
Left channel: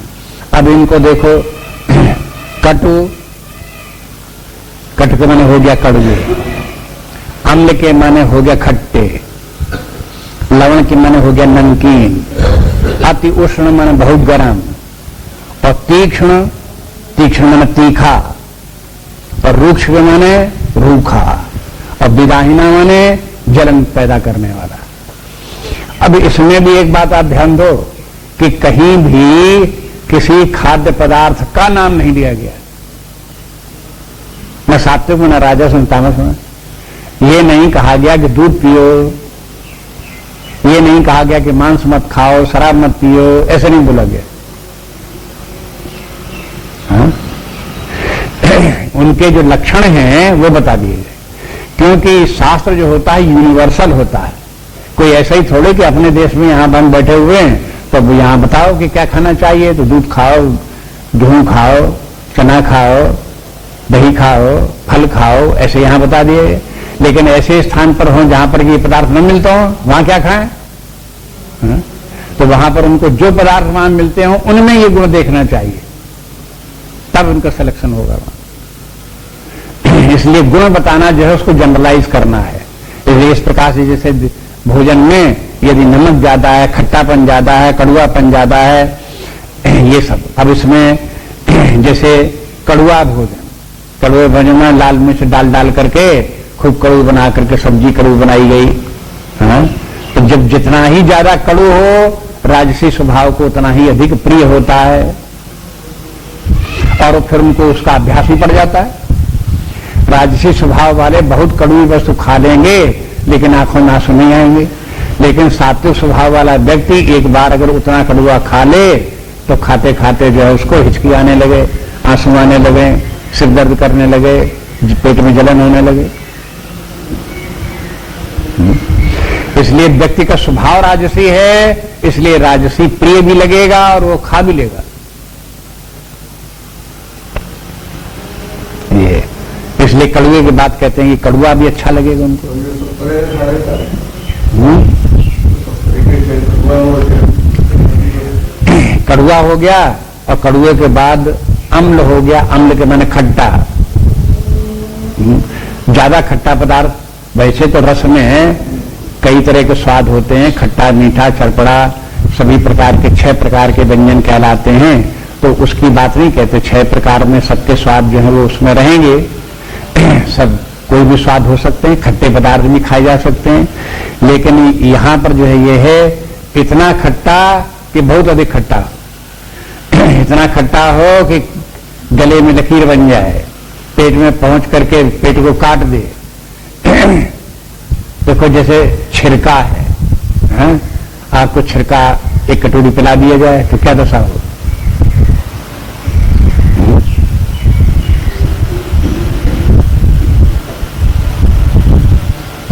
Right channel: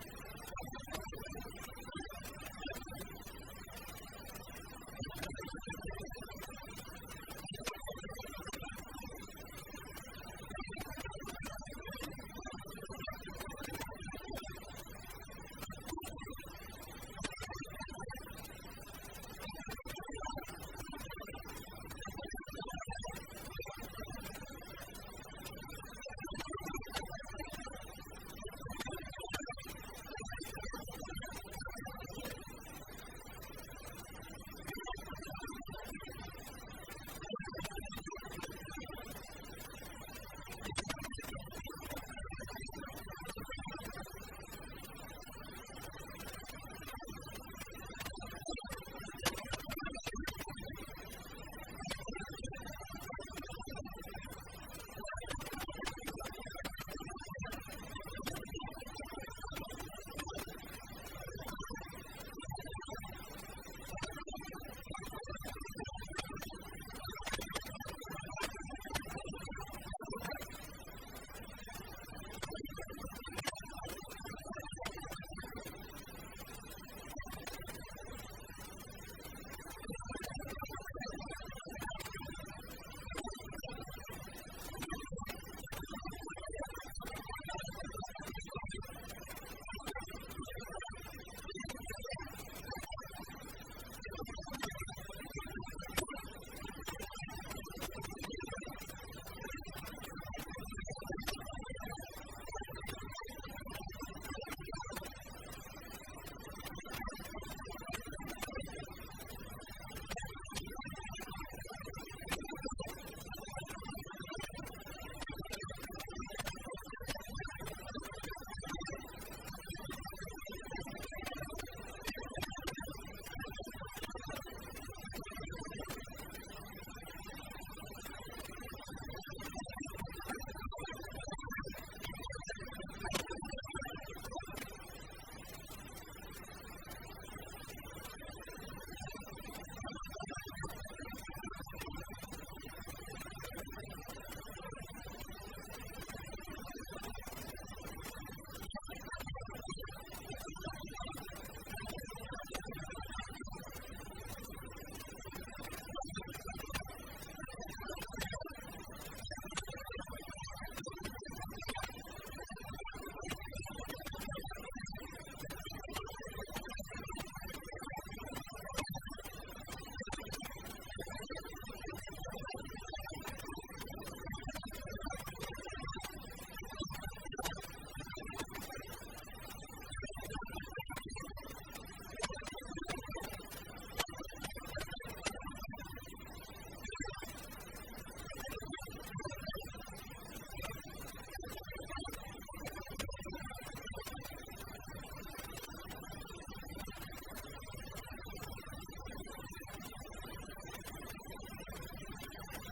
अब इनको देखो, कटु, कटु के माने हो गया कड़वे, अम्ल के माने हो गया खट्टे, लवण के माने हो गया नमकीन, अति उष्ण माने बहुत गर्म, और तीक्ष्ण, तीक्ष्ण माने तीखा, और रूक्ष के माने रूखा, और विदाहिना माने जलन पैदा करने वाला। अब इसमें भी एक बात आप ध्यान दो कि कहीं भी किसी खाद्य पदार्थ का नाम नहीं दिया गया, न सात्विक में, न राजस में, तामस में। ये नहीं कहा गया कि दूध पियो, ये नहीं कहा गया कि मांस मत खाओ, शराब मत पियो, ऐसे नहीं बोला गया। उनके जो लक्षण हैं वो बता दिए गए, क्योंकि शास्त्र जो होता है यूनिवर्सल होता है। कोई ऐसा ही थोड़े कि अपने देश में यहां बंद बैठे हुए हैं तो यहां बताओ कि क्या खाना चाहिए, तो दूध खाओ, गेहूं खाओ, चना खाओ, दही खाओ, फल खाओ, ऐसे यहां बता दिए। लेकिन ऐसे स्थान पर हो जहां पर ये पदार्थ न मिलता हो वहां क्या खाएं? तो वहां पर उनको जो पदार्थ वहां मिलते हो उनमें ये गुण देखना चाहिए, तब उनका सिलेक्शन होगा। इसलिए गुण बताना जो है उसको जनरलाइज करना है। इसलिए इस प्रकार से जैसे भोजन में यदि नमक ज्यादा है, खट्टापन ज्यादा है, कड़ुआपन ज्यादा है, ये सब। अब इसमें जैसे कड़ुआ भोजन, कड़ुए भोजन में लाल मिर्च डाल करके खूब कड़ू बना करके सब्जी कड़ू बनाई गई। हाँ? तो जब जितना ही ज्यादा कड़ू हो राजसी स्वभाव को उतना ही अधिक प्रिय होता है, और फिर उनको उसका अभ्यास भी पड़ जाता है। राजसी स्वभाव वाले बहुत कड़वी वस्तु खा लेंगे लेकिन आंखों में आंसू नहीं आएंगे, लेकिन सात्विक स्वभाव वाला व्यक्ति एक बार अगर उतना कड़वा खा ले तो खाते खाते जो है उसको हिचकी आने लगे, आंसू आने लगे, सिर दर्द करने लगे, पेट में जलन होने लगे। इसलिए व्यक्ति का स्वभाव राजसी है, इसलिए राजसी प्रिय भी लगेगा और वो खा भी लेगा। ये इसलिए कड़ुए की बात कहते हैं कि कड़ुआ भी अच्छा लगेगा उनको। कड़ुआ हो गया और कड़ुए के बाद अम्ल हो गया। अम्ल के माने खट्टा, ज्यादा खट्टा पदार्थ। वैसे तो रस में कई तरह के स्वाद होते हैं, खट्टा, मीठा, चरपड़ा, सभी प्रकार के 6 प्रकार के व्यंजन कहलाते हैं। तो उसकी बात नहीं कहते, 6 प्रकार में सबके स्वाद जो है वो उसमें रहेंगे। सब कोई भी स्वाद हो सकते हैं, खट्टे पदार्थ भी खाए जा सकते हैं, लेकिन यहां पर जो है ये है इतना खट्टा कि बहुत अधिक खट्टा, इतना खट्टा हो कि गले में लकीर बन जाए, पेट में पहुंच करके पेट को काट दे। देखो जैसे छिरका है, हाँ? आपको छिरका एक कटोरी पिला दिया जाए तो क्या दशा हो?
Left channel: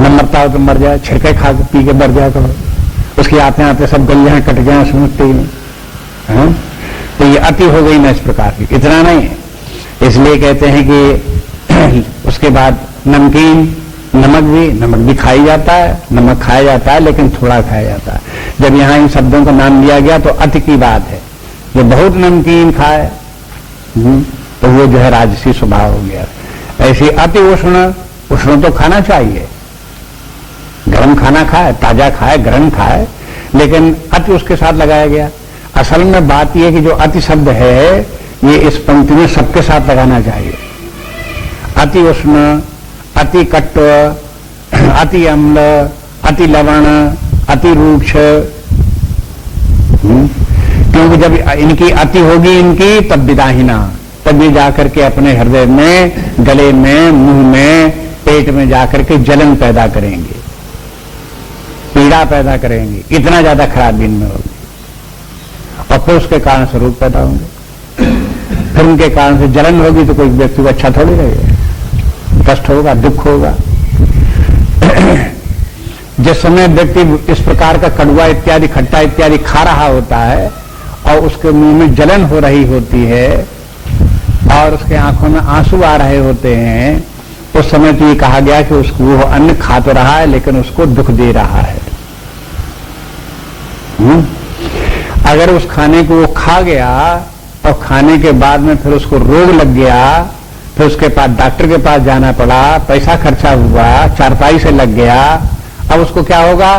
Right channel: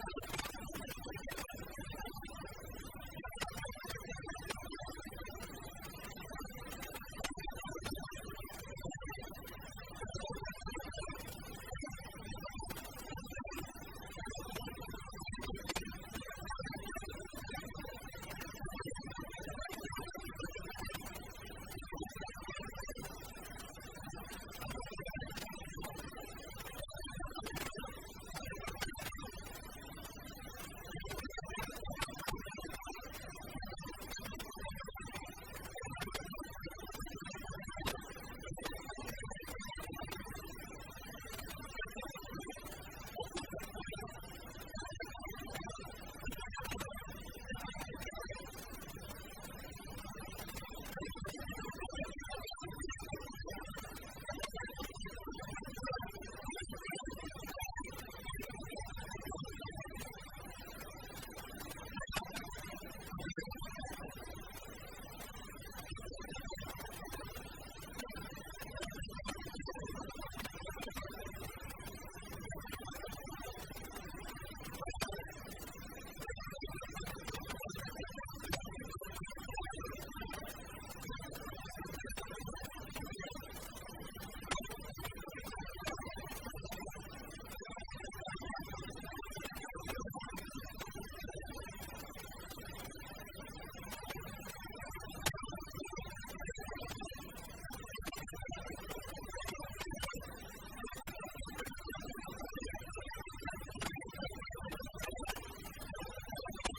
न मरता हो तो मर जाए, छिड़के खा के पी के मर जाए तो उसके आते आते सब गलियां कट गए समझते ही। तो ये अति हो गई ना इस प्रकार की। इतना नहीं, इसलिए कहते हैं कि उसके बाद नमकीन, नमक भी खाई जाता है, नमक खाया जाता है लेकिन थोड़ा खाया जाता है। जब यहाँ इन शब्दों का नाम लिया गया तो अति की बात है। जो बहुत नमकीन खाए तो वो जो है राजसी स्वभाव हो गया। ऐसी अति उष्ण तो खाना चाहिए, गर्म खाना खाए, ताजा खाए, गर्म खाए, लेकिन अति उसके साथ लगाया गया। असल में बात यह कि जो अति शब्द है ये इस पंक्ति में सबके साथ लगाना चाहिए। अति उष्ण, अति कट्व, अति अम्ल, अति लवण, अति रूक्ष। क्योंकि जब इनकी अति होगी इनकी तब विदाहीना, तब ये जाकर के अपने हृदय में, गले में, मुंह में, पेट में जाकर के जलन पैदा करेंगे, पीड़ा पैदा करेंगे। इतना ज्यादा खराब इनमें होगी और फिर उसके कारण से रोग पैदा होंगे। फिर उनके कारण से जलन होगी तो कोई व्यक्ति को अच्छा थोड़ी लगेगा, कष्ट होगा, दुख होगा। जिस समय व्यक्ति इस प्रकार का कड़वा इत्यादि, खट्टा इत्यादि खा रहा होता है और उसके मुंह में जलन हो रही होती है और उसके आंखों में आंसू आ रहे होते हैं, उस समय तो ये कहा गया कि उसको वो अन्न खा तो रहा है लेकिन उसको दुख दे रहा है। अगर उस खाने को वो खा गया और खाने के बाद में फिर उसको रोग लग गया, फिर उसके पास डॉक्टर के पास जाना पड़ा, पैसा खर्चा हुआ, चारपाई से लग गया, अब उसको क्या होगा?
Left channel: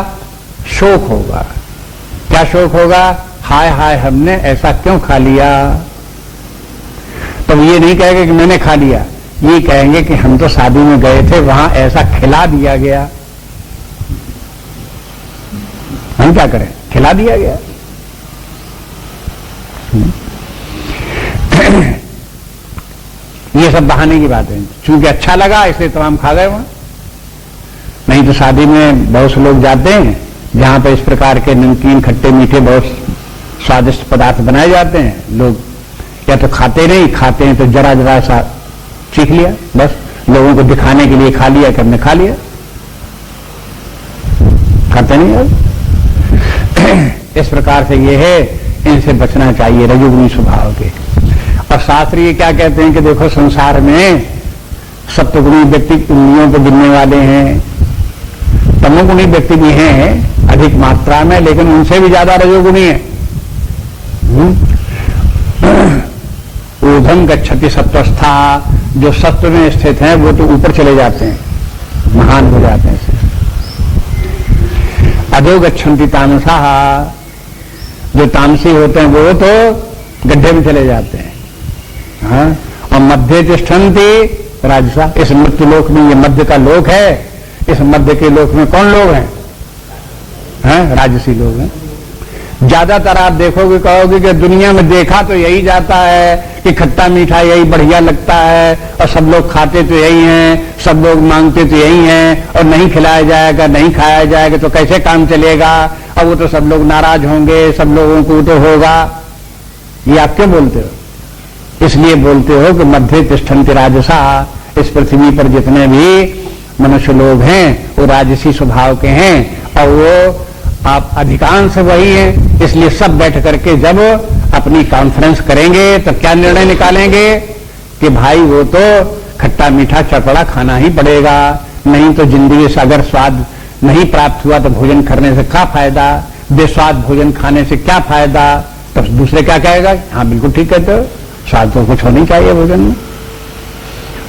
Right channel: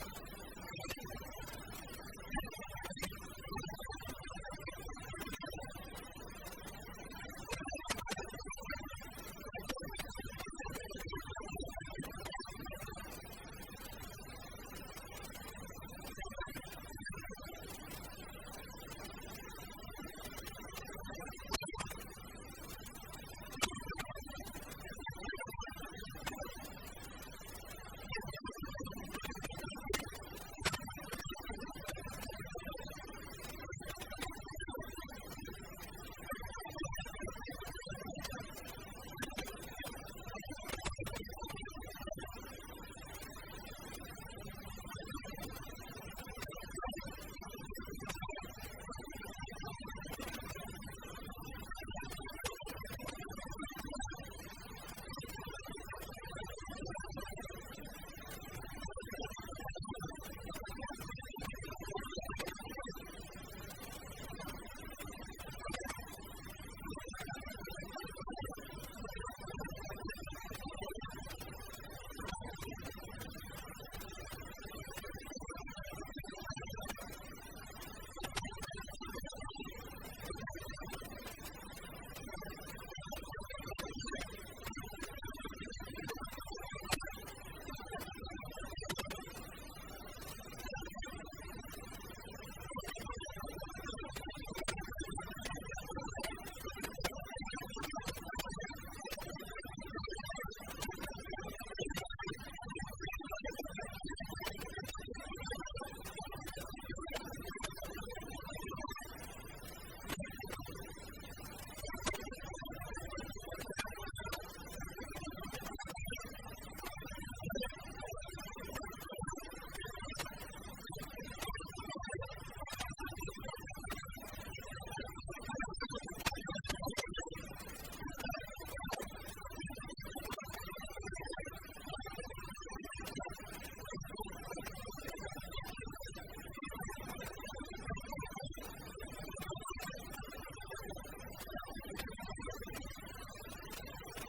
शोक होगा। क्या शोक होगा? हाय हाय हमने ऐसा क्यों खा लिया। तो ये नहीं कहेंगे कि मैंने खा लिया, ये कहेंगे कि हम तो शादी में गए थे, वहां ऐसा खिला दिया गया, हम क्या करें, खिला दिया गया। ये सब बहाने की बात है, चूंकि अच्छा लगा इसलिए तो हम खा गए वहां। नहीं तो शादी में बहुत से लोग जाते हैं जहां पर इस प्रकार के नमकीन, खट्टे, मीठे बहुत स्वादिष्ट पदार्थ बनाए जाते हैं। लोग या तो खाते नहीं, खाते हैं तो जरा जरा सा चीख लिया, बस लोगों को दिखाने के लिए खा लिया कि हमने खा लिया, खाते नहीं अब। इस प्रकार से ये है, इनसे बचना चाहिए रजोगुणी स्वभाव के। और शास्त्र ये क्या कहते हैं कि देखो संसार में सत्वगुणी व्यक्ति उंगलियों पर गिनने वाले हैं, तमोगुणी व्यक्ति भी हैं अधिक मात्रा में, लेकिन उनसे भी ज्यादा रजोगुणी है। ऊर्ध्वं गच्छति सत्वस्था, जो सत्व में स्थित हैं वो तो ऊपर चले जाते हैं, महान हो जाते हैं। अधो गच्छन्ति तामसाः, जो तामसी होते हैं वो तो गड्ढे में चले जाते हैं। हाँ? और मध्य तिष्ठन्ति राजसा, इस मृत्यु लोक में, ये मध्य का लोक है, इस मध्य के लोक में कौन लोग हैं? राजसी लोग हैं। ज्यादातर आप देखोगे, कहोगे कि दुनिया में देखा तो यही जाता है कि खट्टा मीठा यही बढ़िया लगता है, और सब लोग खाते तो यही हैं, सब लोग मांगते तो यही हैं, और नहीं खिलाया जाएगा, नहीं खाया जाएगा तो कैसे काम चलेगा, और वो तो सब लोग नाराज होंगे, सब लोगों को तो होगा। ये आप क्यों बोलते हो? इसलिए बोलते हो कि मध्य तिष्ठन्ति राजसा, इस पृथ्वी पर जितने भी मनुष्य लोग हैं वो राजसी स्वभाव के हैं, और वो आप अधिकांश वही हैं। इसलिए सब बैठ करके जब अपनी कॉन्फ्रेंस करेंगे तो क्या निर्णय निकालेंगे कि भाई वो तो खट्टा मीठा चटपटा खाना ही पड़ेगा, नहीं तो जिंदगी से अगर स्वाद नहीं प्राप्त हुआ तो भोजन करने से क्या फायदा, बेस्वाद भोजन खाने से क्या फायदा। तो दूसरे क्या कहेगा? हाँ बिल्कुल ठीक कहते हो, स्वाद तो कुछ होनी चाहिए भोजन में।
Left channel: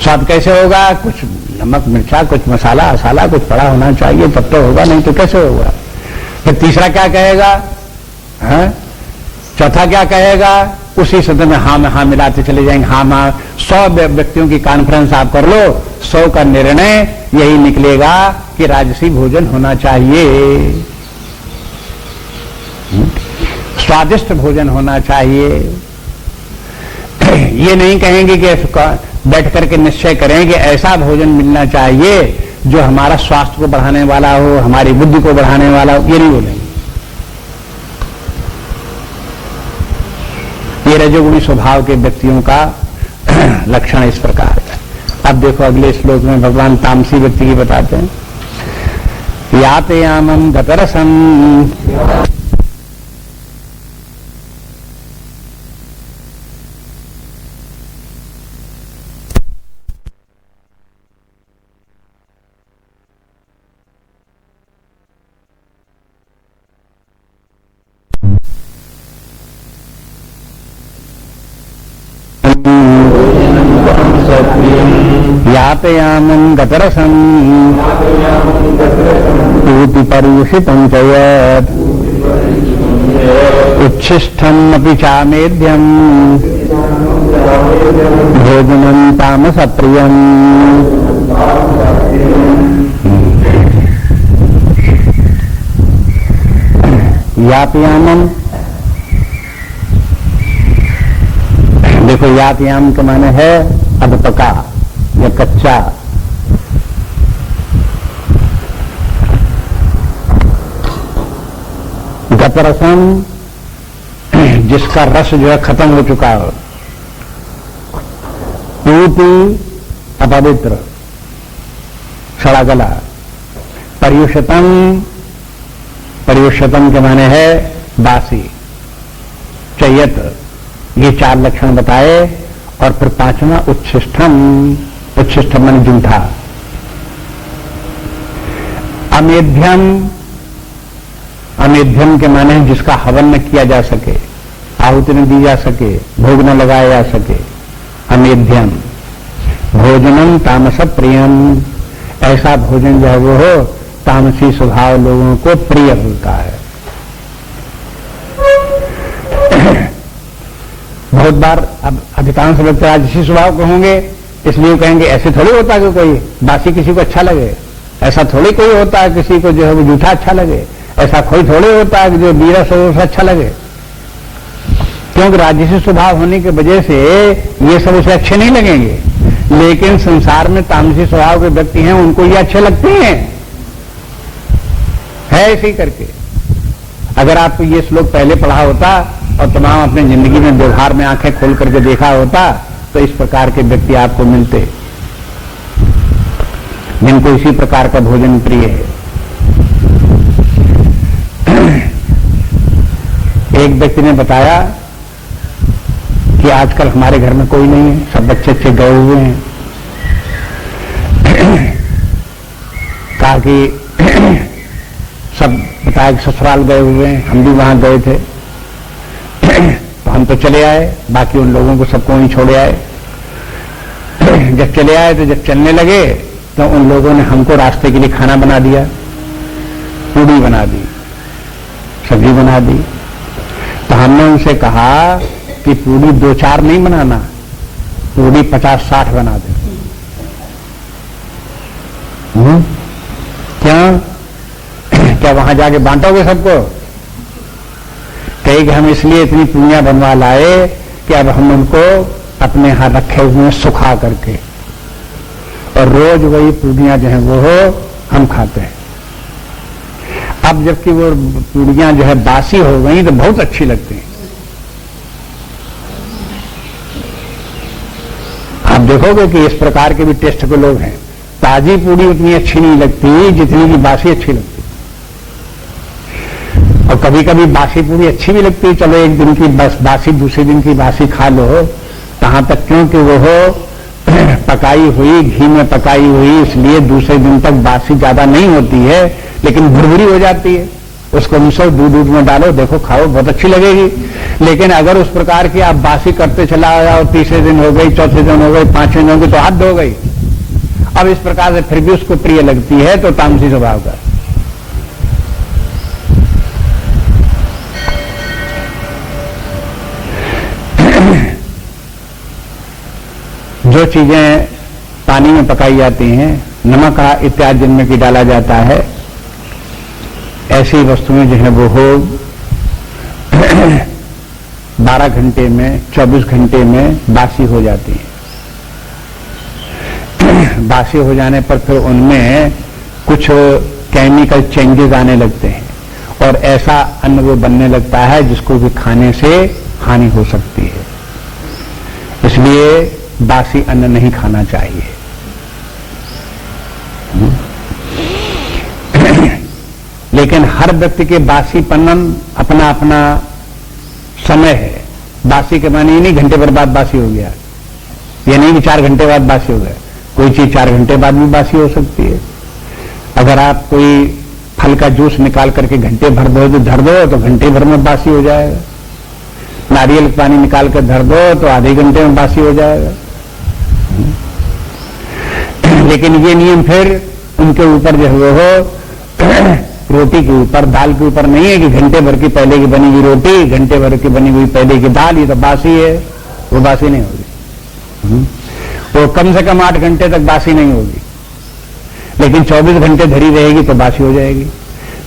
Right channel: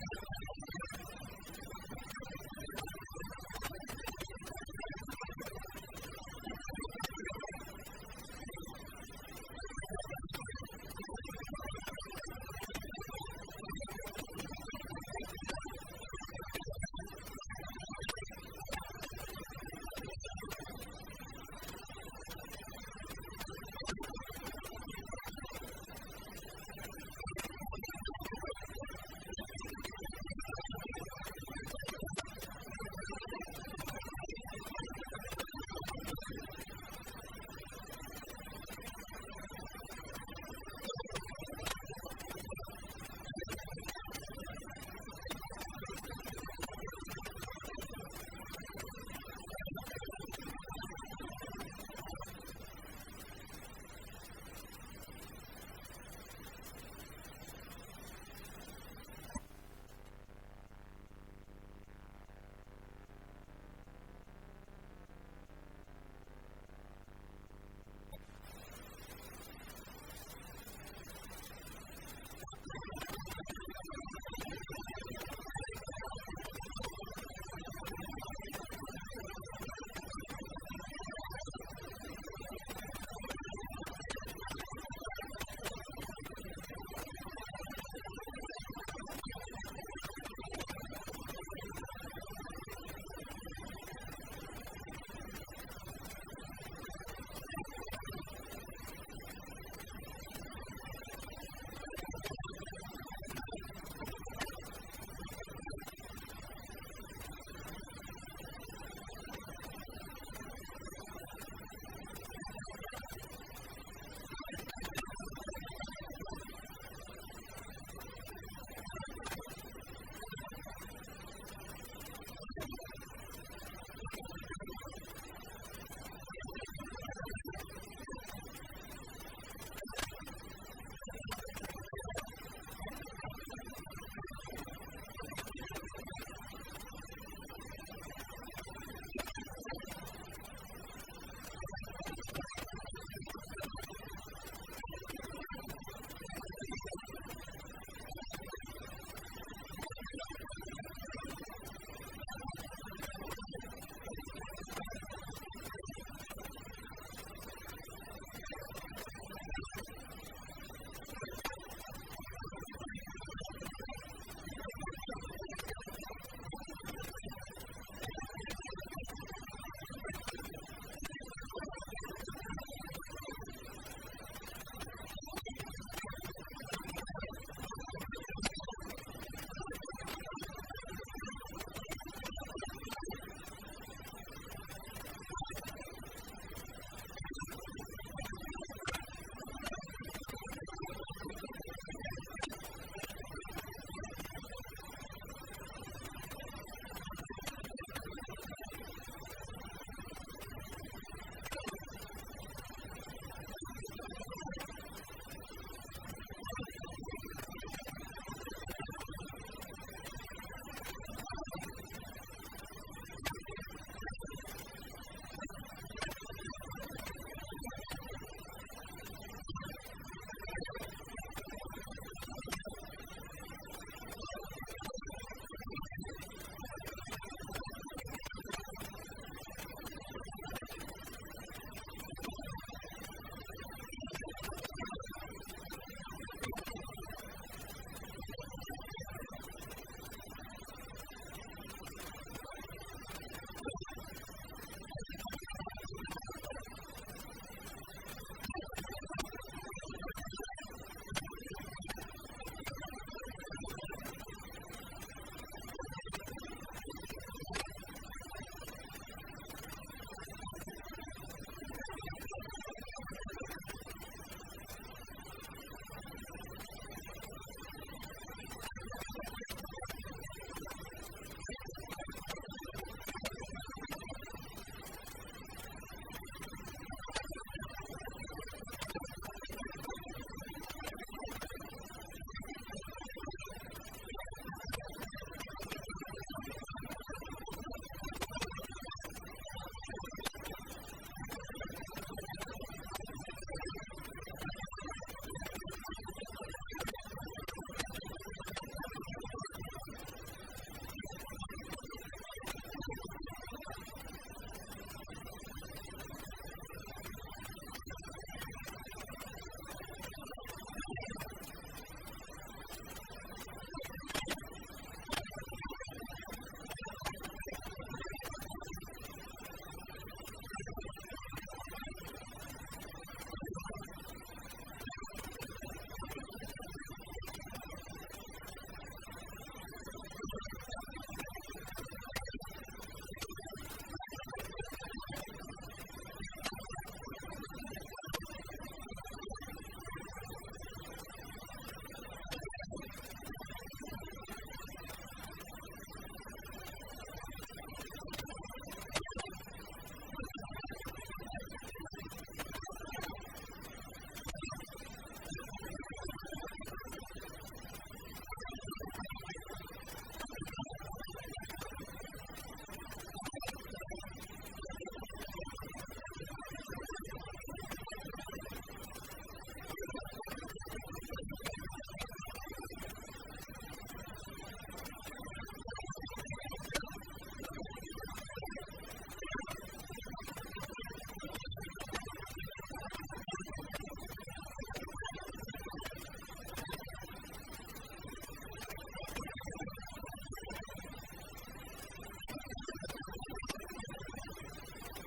स्वाद कैसे होगा? कुछ नमक मिर्चा, कुछ मसाला असाला कुछ पड़ा होना चाहिए, तब तो होगा, नहीं तो कैसे होगा। फिर तीसरा क्या कहेगा? चौथा क्या कहेगा? उसी सदन में हाँ मिलाते चले जाएंगे। हाँ 100 व्यक्तियों की कॉन्फ्रेंस आप कर लो, 100 का निर्णय यही निकलेगा कि राजसी भोजन होना चाहिए, स्वादिष्ट भोजन होना चाहिए। ये नहीं कहेंगे कि बैठ करके निश्चय करें कि ऐसा भोजन मिलना चाहिए जो हमारा स्वास्थ्य को बढ़ाने वाला हो, हमारी बुद्धि को बढ़ाने वाला हो, ये नहीं बोलेंगे। ये रजोगुणी स्वभाव के व्यक्तियों का लक्षण इस प्रकार है। अब देखो अगले श्लोक में भगवान तामसी व्यक्ति की बताते हैं। यातयामं गतरसं यातयामं गतरसं पूति पर्युषितं च यत् उच्छिष्टमपि चामेध्यं भोजनं तामसप्रियम्। यातयामं, देखो यातयाम के माने है अधपका या कच्चा। गतरसम, जिसका रस जो है खत्म हो चुका हो। पूति, अपवित्र, सड़ा गला। पर्युषितम, पर्युषितम के माने है बासी, चयत। ये 4 लक्षण बताए। और फिर 5वां उच्छिष्टम, उच्छिष्टम माने जूठा। अमेध्यम, अमेध्यम के माने जिसका हवन न किया जा सके, आहुति न दी जा सके, भोग न लगाया जा सके, अमेध्यम। भोजनम तामस प्रियम, ऐसा भोजन जो है वो हो तामसी स्वभाव लोगों को प्रिय होता है। बहुत बार अब अधिकांश लोग तो राजसी स्वभाव के होंगे, इसलिए कहेंगे ऐसे थोड़ी होता कि कोई बासी किसी को अच्छा लगे, ऐसा थोड़ी कोई होता है किसी को जो है वो जूठा अच्छा लगे, ऐसा कोई थोड़े होता है कि जो नीरस हो उसे अच्छा लगे। क्योंकि राजसी स्वभाव होने की वजह से ये सब उसे अच्छे नहीं लगेंगे, लेकिन संसार में तामसी स्वभाव के व्यक्ति हैं उनको ये अच्छे लगते हैं, है ऐसे ही करके। अगर आपको ये श्लोक पहले पढ़ा होता और तमाम अपनी जिंदगी में व्यवहार में आंखें खोल करके देखा होता तो इस प्रकार के व्यक्ति आपको मिलते जिनको इसी प्रकार का भोजन प्रिय है। एक व्यक्ति ने बताया कि आजकल हमारे घर में कोई नहीं है, सब बच्चे अच्छे गए हुए हैं। कहा कि सब बताया कि ससुराल गए हुए हैं, हम भी वहां गए थे तो हम तो चले आए, बाकी उन लोगों को सबको वहीं छोड़े आए। जब चले आए तो जब चलने लगे तो उन लोगों ने हमको रास्ते के लिए खाना बना दिया, पूड़ी बना दी, सब्जी बना दी। तो हमने उनसे कहा कि पूड़ी 2-4 नहीं बनाना, पूड़ी 50-60 बना दे। क्या वहां जाके बांटोगे सबको? कहे कि हम इसलिए इतनी पूड़ियां बनवा लाए कि अब हम उनको अपने यहां रखे हुए सुखा करके, और रोज वही पूड़ियां जो है वो हम खाते हैं। अब जबकि वो पूड़ियां जो है बासी हो गई तो बहुत अच्छी लगती हैं। आप देखोगे कि इस प्रकार के भी टेस्ट के लोग हैं। ताजी पूड़ी उतनी अच्छी नहीं लगती जितनी की बासी अच्छी लगती, और कभी कभी बासी पूड़ी अच्छी भी लगती है। चलो एक दिन की बस बासी, दूसरे दिन की बासी खा लो, कहां तक, क्योंकि वो पकाई हुई, घी में पकाई हुई, इसलिए दूसरे दिन तक बासी ज्यादा नहीं होती है, लेकिन भुरभुरी हो जाती है। उसको मिसो, दूध में डालो, देखो, खाओ, बहुत अच्छी लगेगी। लेकिन अगर उस प्रकार की आप बासी करते चला जाओ, तीसरे दिन हो गई, चौथे दिन हो गई, पांचवें दिन हो गई, तो हद हो गई। अब इस प्रकार से फिर भी उसको प्रिय लगती है, तो तामसी स्वभाव का। जो चीजें पानी में पकाई जाती हैं, नमक इत्यादि जिनमें की डाला जाता है, ऐसी वस्तुएं जो है वो 12 घंटे में, 24 घंटे में बासी हो जाती हैं। बासी हो जाने पर फिर उनमें कुछ केमिकल चेंजेस आने लगते हैं, और ऐसा अन्न वो बनने लगता है जिसको भी खाने से हानि हो सकती है। इसलिए बासी अन्न नहीं खाना चाहिए। लेकिन हर व्यक्ति के बासी पन्नन अपना अपना समय है। बासी के माने ये नहीं घंटे भर बाद बासी हो गया, ये नहीं कि 4 घंटे बाद बासी हो गया। कोई चीज 4 घंटे बाद भी बासी हो सकती है। अगर आप कोई फल का जूस निकाल करके घंटे भर दो, धर दो, तो घंटे भर में बासी हो जाएगा। नारियल पानी निकाल कर धर दो तो आधे घंटे में बासी हो जाएगा। लेकिन ये नियम फिर उनके ऊपर जो है वो रोटी के ऊपर, दाल के ऊपर नहीं है कि घंटे भर की पहले की बनी हुई रोटी, घंटे भर की बनी हुई पहले की दाल, ये तो बासी है, वो बासी नहीं होगी। वो कम से कम 8 घंटे तक बासी नहीं होगी, लेकिन 24 घंटे धरी रहेगी तो बासी हो जाएगी।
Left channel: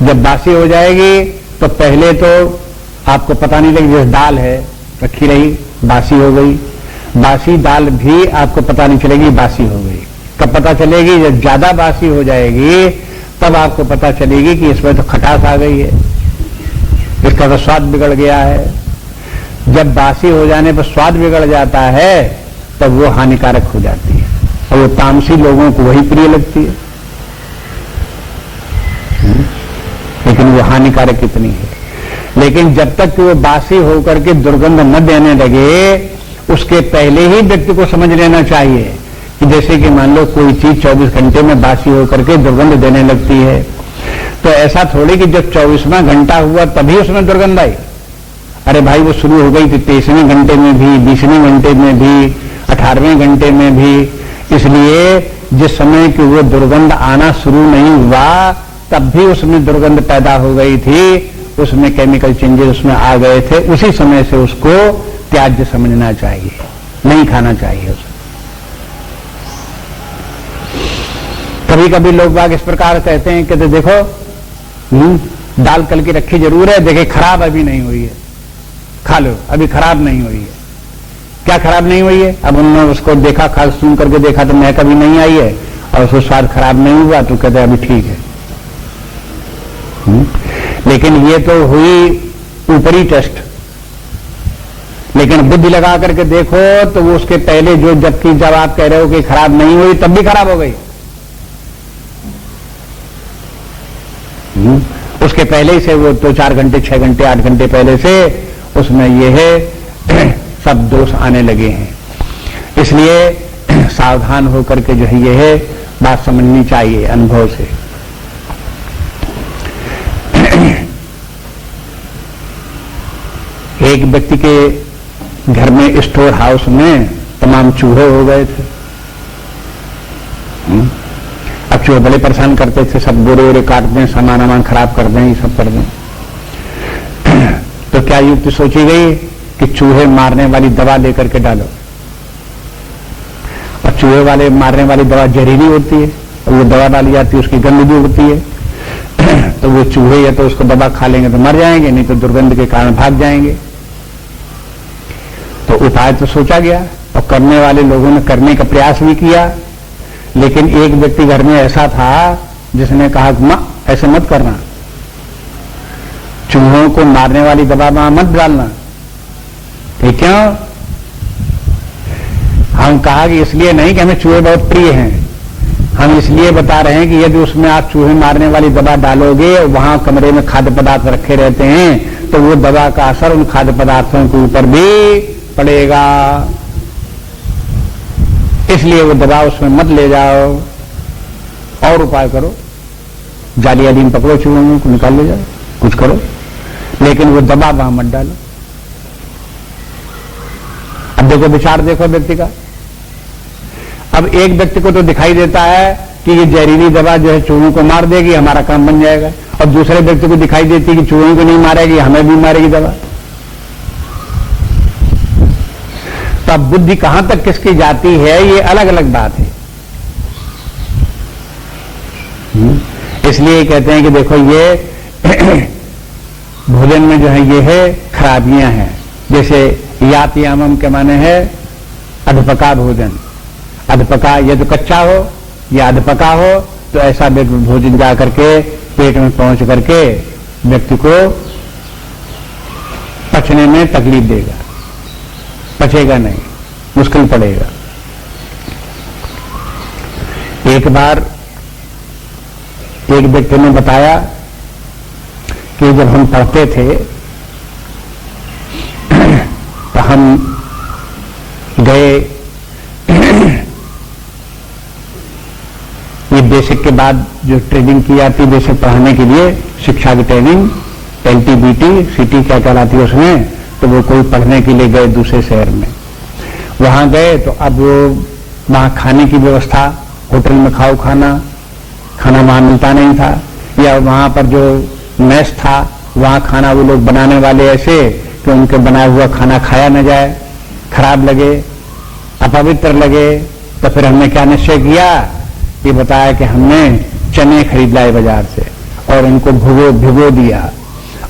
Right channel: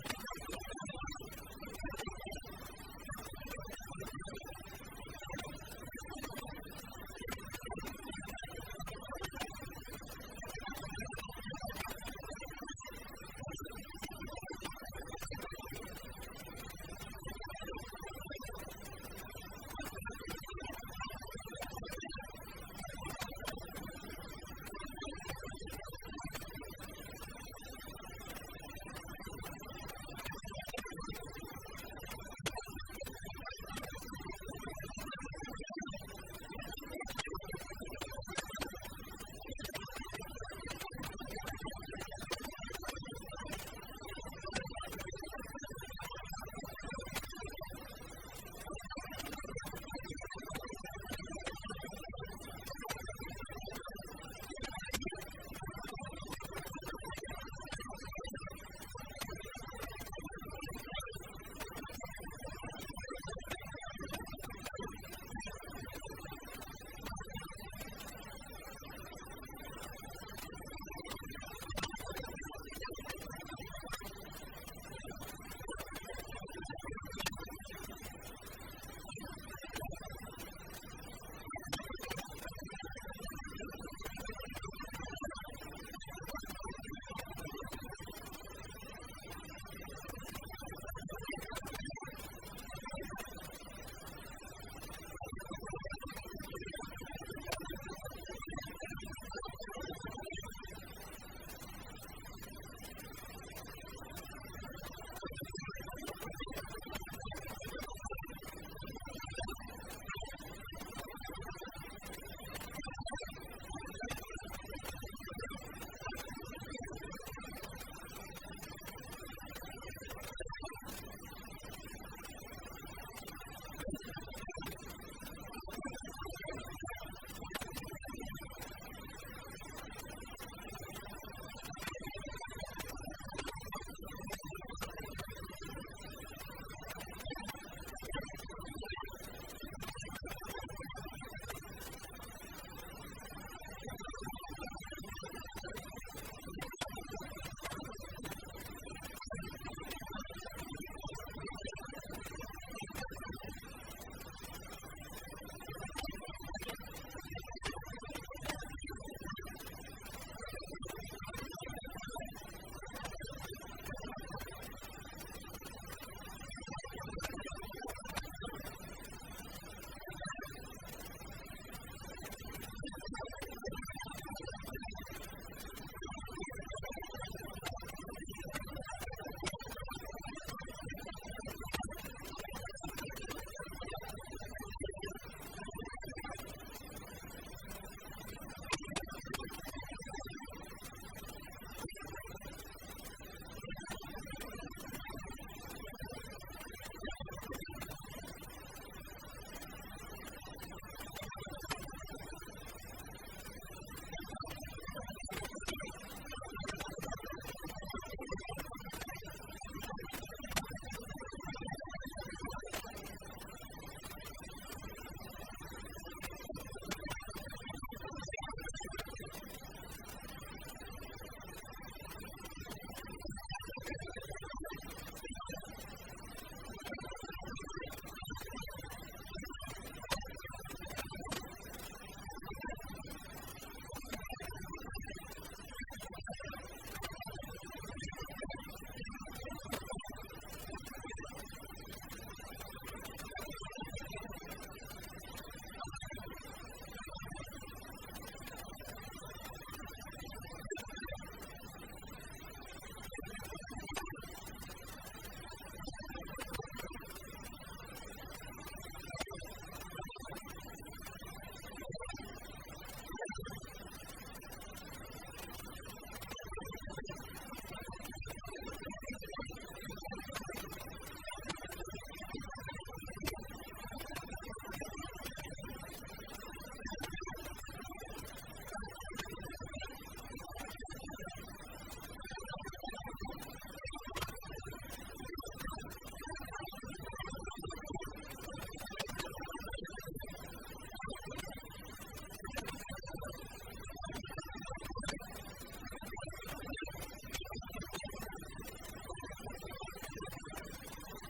जब बासी हो जाएगी तो पहले तो आपको पता नहीं लगे, जैसे दाल है रखी रही, बासी हो गई। बासी दाल भी आपको पता नहीं चलेगी बासी हो गई। कब पता चलेगी? जब ज्यादा बासी हो जाएगी तब आपको पता चलेगी कि इसमें तो खटास आ गई है, इसका तो स्वाद बिगड़ गया है। जब बासी हो जाने पर स्वाद बिगड़ जाता है तब वो हानिकारक हो जाती है, और वो तामसी लोगों को वही प्रिय लगती है। लेकिन वो हानिकारक कितनी है। लेकिन जब तक कि वो बासी होकर के दुर्गंध न देने लगे, उसके पहले ही व्यक्ति को समझ लेना चाहिए कि जैसे कि मान लो कोई चीज 24 घंटे में बासी होकर के दुर्गंध देने लगती है, तो ऐसा थोड़ी कि जब 24वां घंटा हुआ तभी उसमें दुर्गंध आई। अरे भाई, वो शुरू हो गई थी 23वें घंटे में भी, 20वें घंटे में भी, 18वें घंटे में भी। इसलिए जिस समय कि वो दुर्गंध आना शुरू नहीं हुआ तब भी उसमें दुर्गंध पैदा हो गई थी, उसमें केमिकल चेंजेस उसमें आ गए थे। उसी समय से उसको त्याज्य समझना चाहिए, नहीं खाना चाहिए उसे। कभी कभी लोग बाग इस प्रकार कहते हैं कि तो देखो दाल कल की रखी जरूर है, देखे खराब अभी नहीं हुई है, खा लो, अभी खराब नहीं हुई है। क्या खराब नहीं हुई है? अब उन्होंने उसको देखा, खा सुन करके देखा तो महक अभी नहीं आई है, और उसको स्वाद खराब नहीं हुआ, तो कहते अभी ठीक है। लेकिन ये तो हुई ऊपरी टेस्ट। लेकिन बुद्धि लगा करके देखो तो वो उसके पहले जो, जबकि जब आप कह रहे हो कि खराब नहीं हुई तब भी खराब हो गई। उसके पहले ही से वो 2-4 घंटे, 6 घंटे, 8 घंटे पहले से उसमें ये है सब दोष आने लगे हैं। इसलिए सावधान होकर के जो है ये है बात समझनी चाहिए अनुभव से। एक व्यक्ति के घर में स्टोर हाउस में तमाम चूहे हो गए थे। चूहे बड़े परेशान करते थे, सब गोरे वोरे काट दें, सामान वामान खराब कर दें, ये सब कर दें। तो क्या युक्ति सोची गई कि चूहे मारने वाली दवा लेकर के डालो, और चूहे वाले मारने वाली दवा जहरीली होती है, और वो दवा डाली जाती है उसकी गंध भी होती है। तो वो चूहे या तो उसको दवा खा लेंगे तो मर जाएंगे, नहीं तो दुर्गंध के कारण भाग जाएंगे। तो उपाय तो सोचा गया और करने वाले लोगों ने करने का प्रयास भी किया, लेकिन एक व्यक्ति घर में ऐसा था जिसने कहा मां ऐसे मत करना, चूहों को मारने वाली दवा वहां मत डालना। ठीक क्यों? हम कहा कि इसलिए नहीं कि हमें चूहे बहुत प्रिय हैं, हम इसलिए बता रहे हैं कि यदि उसमें आप चूहे मारने वाली दवा डालोगे और वहां कमरे में खाद्य पदार्थ रखे रहते हैं तो वो दवा का असर उन खाद्य पदार्थों के ऊपर भी पड़ेगा, इसलिए वो दवा उसमें मत ले जाओ। और उपाय करो, जाली आदि पकड़ो, चूहों को निकाल ले जाओ, कुछ करो, लेकिन वो दवा वहां मत डालो। अब देखो विचार देखो व्यक्ति का। अब एक व्यक्ति को तो दिखाई देता है कि ये जहरीली दवा जो है चूहों को मार देगी, हमारा काम बन जाएगा, और दूसरे व्यक्ति को दिखाई देती है कि चूहों को नहीं मारेगी, हमें भी मारेगी दवा। तो अब बुद्धि कहां तक किसकी जाती है ये अलग अलग बात है। इसलिए कहते हैं कि देखो ये भोजन में जो है ये है खराबियां हैं। जैसे यातयामम के माने है अधपका भोजन, अधपका ये तो कच्चा हो या अधपका हो तो ऐसा भोजन जा करके पेट में पहुंच करके व्यक्ति को पचने में तकलीफ देगा, पचेगा नहीं, मुश्किल पड़ेगा। एक बार एक व्यक्ति ने बताया कि जब हम पढ़ते थे तो हम गए ये बेसिक के बाद जो ट्रेनिंग की जाती, बेसिक पढ़ाने के लिए शिक्षा की ट्रेनिंग, LTBT सिटी क्या कहलाती है उसमें, तो वो कोई पढ़ने के लिए गए दूसरे शहर में। वहां गए तो अब वहां खाने की व्यवस्था, होटल में खाओ खाना वहां मिलता नहीं था, या वहां पर जो मेस था वहां खाना वो लोग बनाने वाले ऐसे कि उनके बनाया हुआ खाना खाया न जाए, खराब लगे, अपवित्र लगे। तो फिर हमने क्या निश्चय किया, ये बताया कि हमने चने खरीद लाए बाजार से और उनको भिगो दिया,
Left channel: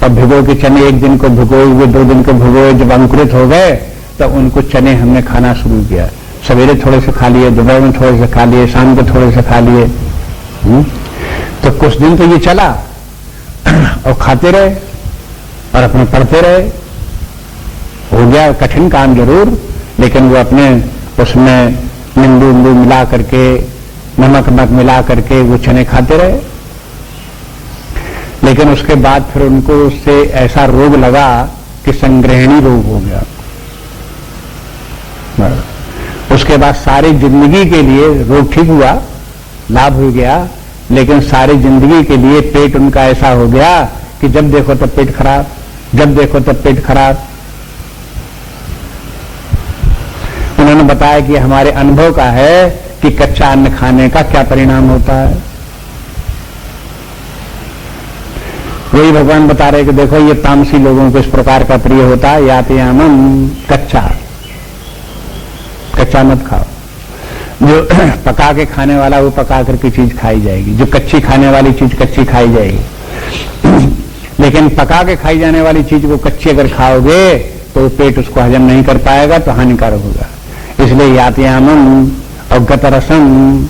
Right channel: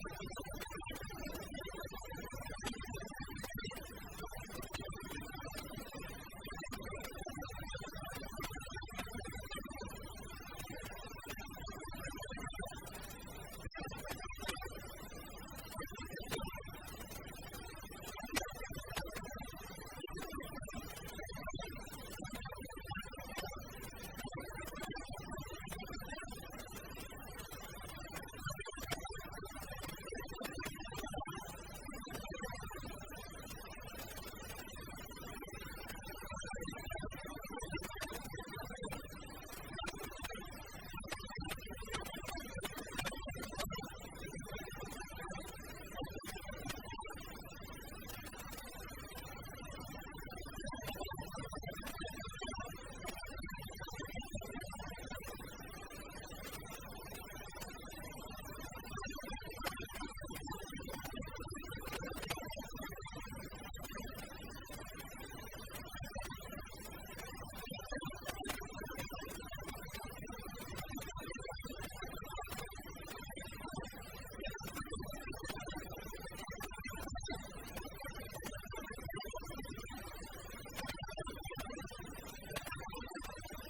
और भिगो के चने एक दिन को भिगोए हुए, 2 दिन को भिगोए, जब अंकुरित हो गए तो उनको चने हमने खाना शुरू किया। सवेरे थोड़े से खा लिए, दोपहर में थोड़े से खा लिए, शाम को थोड़े से खा लिए। तो कुछ दिन तो ये चला और खाते रहे और अपने पढ़ते रहे। हो गया कठिन काम जरूर, लेकिन वो अपने उसमें नींबू मिला करके, नमक मिला करके वो चने खाते रहे। लेकिन उसके बाद फिर उनको उससे ऐसा रोग लगा कि संग्रहणी रोग हो गया। उसके बाद सारी जिंदगी के लिए रोग ठीक हुआ, लाभ हो गया, लेकिन सारी जिंदगी के लिए पेट उनका ऐसा हो गया कि जब देखो तब पेट खराब, जब देखो तब पेट खराब। उन्होंने बताया कि हमारे अनुभव का है कि कच्चा अन्न खाने का क्या परिणाम होता है। वही भगवान बता रहे कि देखो ये तामसी लोगों को इस प्रकार का प्रिय होता है, यातयामम कच्चा मत खाओ। जो पका के खाने वाला वो पका करके चीज खाई जाएगी, जो कच्ची खाने वाली चीज कच्ची खाई जाएगी। लेकिन पका के खाई जाने वाली चीज को कच्ची अगर खाओगे तो पेट उसको हजम नहीं कर पाएगा, तो हानिकारक होगा। इसलिए यातयामम और गतरसम,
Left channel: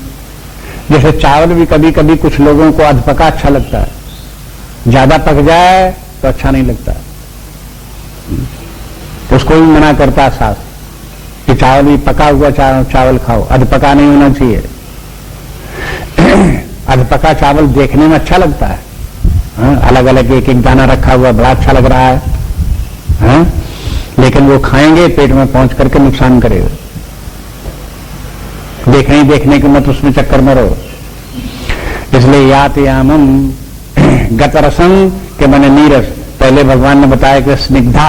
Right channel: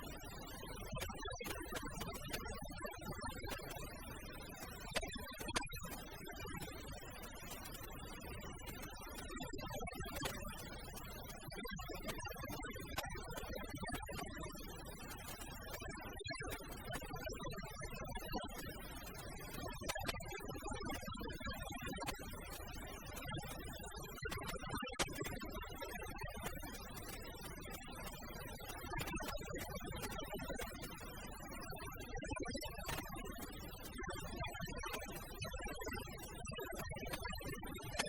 जैसे चावल भी कभी कभी कुछ लोगों को अधपका अच्छा लगता है, ज्यादा पक जाए तो अच्छा नहीं लगता, उसको भी मना करता सास कि चावल भी पका हुआ चावल खाओ, अधपका नहीं होना चाहिए। अधपका चावल देखने में अच्छा लगता है, अलग अलग एक एक दाना रखा हुआ बड़ा अच्छा लग रहा है, लेकिन वो खाएंगे पेट में पहुंच करके नुकसान करेगा। देखने के मत उसमें चक्कर में रहो। इसलिए यातयामम गतरसम के माने नीरस। पहले भगवान ने बताया कि स्निग्धा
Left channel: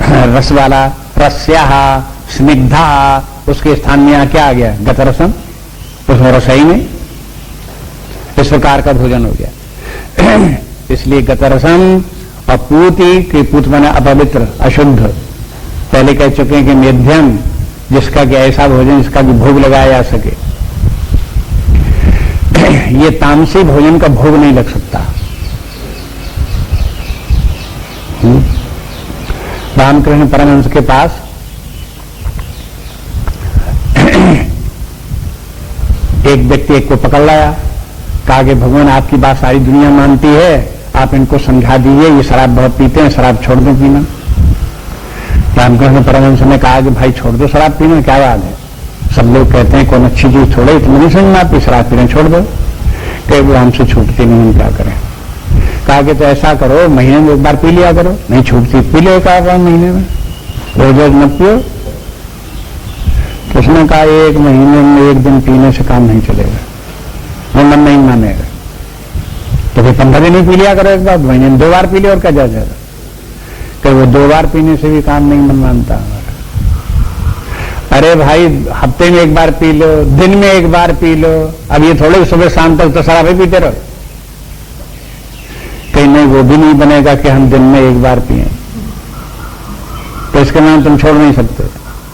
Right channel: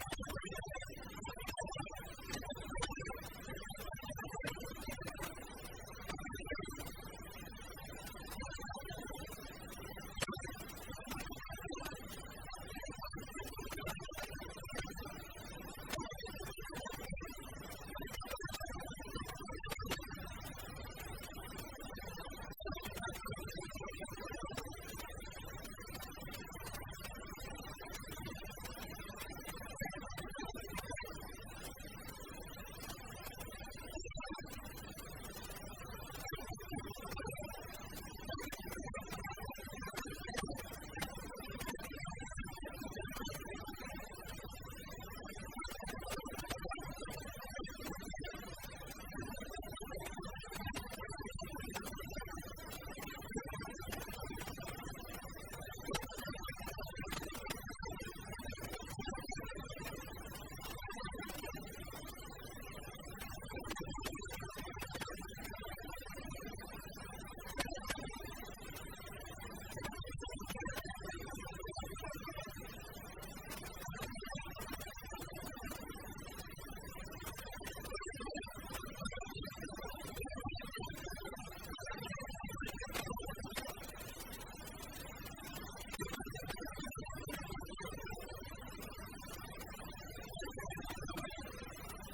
रस वाला, रस्या स्निग्धा, उसके स्थान में यहां क्या आ गया, गतरसम, उसमें रस ही नहीं, इस प्रकार का भोजन हो गया। इसलिए गतरसम और पूति की पूत माने अपवित्र, अशुद्ध। पहले कह चुके हैं कि मध्यम, जिसका कि ऐसा भोजन जिसका कि भोग लगाया जा सके। ये तामसी भोजन का भोग नहीं लग सकता। रामकृष्ण परमहंस के पास एक व्यक्ति एक को पकड़ लाया, कहा कि भगवान आपकी बात सारी दुनिया मानती है, आप इनको समझा दीजिए, ये शराब बहुत पीते हैं, शराब छोड़ दो पीना। रामकृष्ण परमहंस ने कहा कि भाई छोड़ दो शराब पीना, क्या बात है, सब लोग कहते हैं कौन अच्छी चीज छोड़े, इतना नहीं समझ में आती, शराब पीना छोड़ दो। कई वो हमसे छूटती नहीं, हम क्या करें। कहा कि तो ऐसा करो, महीने में एक बार पी लिया करो। नहीं छूटती, पी लो एक आध महीने में, रोज रोज मत पियो। तो उसने कहा एक महीने में एक दिन पीने से काम नहीं चलेगा, वो मन नहीं मानेगा। तो फिर 15 दिन ही पी लिया करो एक बार, महीने में 2 बार पी लिया और क्या जाएगा। कि वो 2 बार पीने से भी काम नहीं मन मानता हमारा। अरे भाई हफ्ते में एक बार पी लो, दिन में एक बार पी लो। अब ये थोड़े सुबह शाम तक तो शराब ही पीते रहो। कहीं नहीं, वो भी नहीं बनेगा कि हम दिन में एक बार पिए, तो इसके नाम तुम छोड़ नहीं सकते,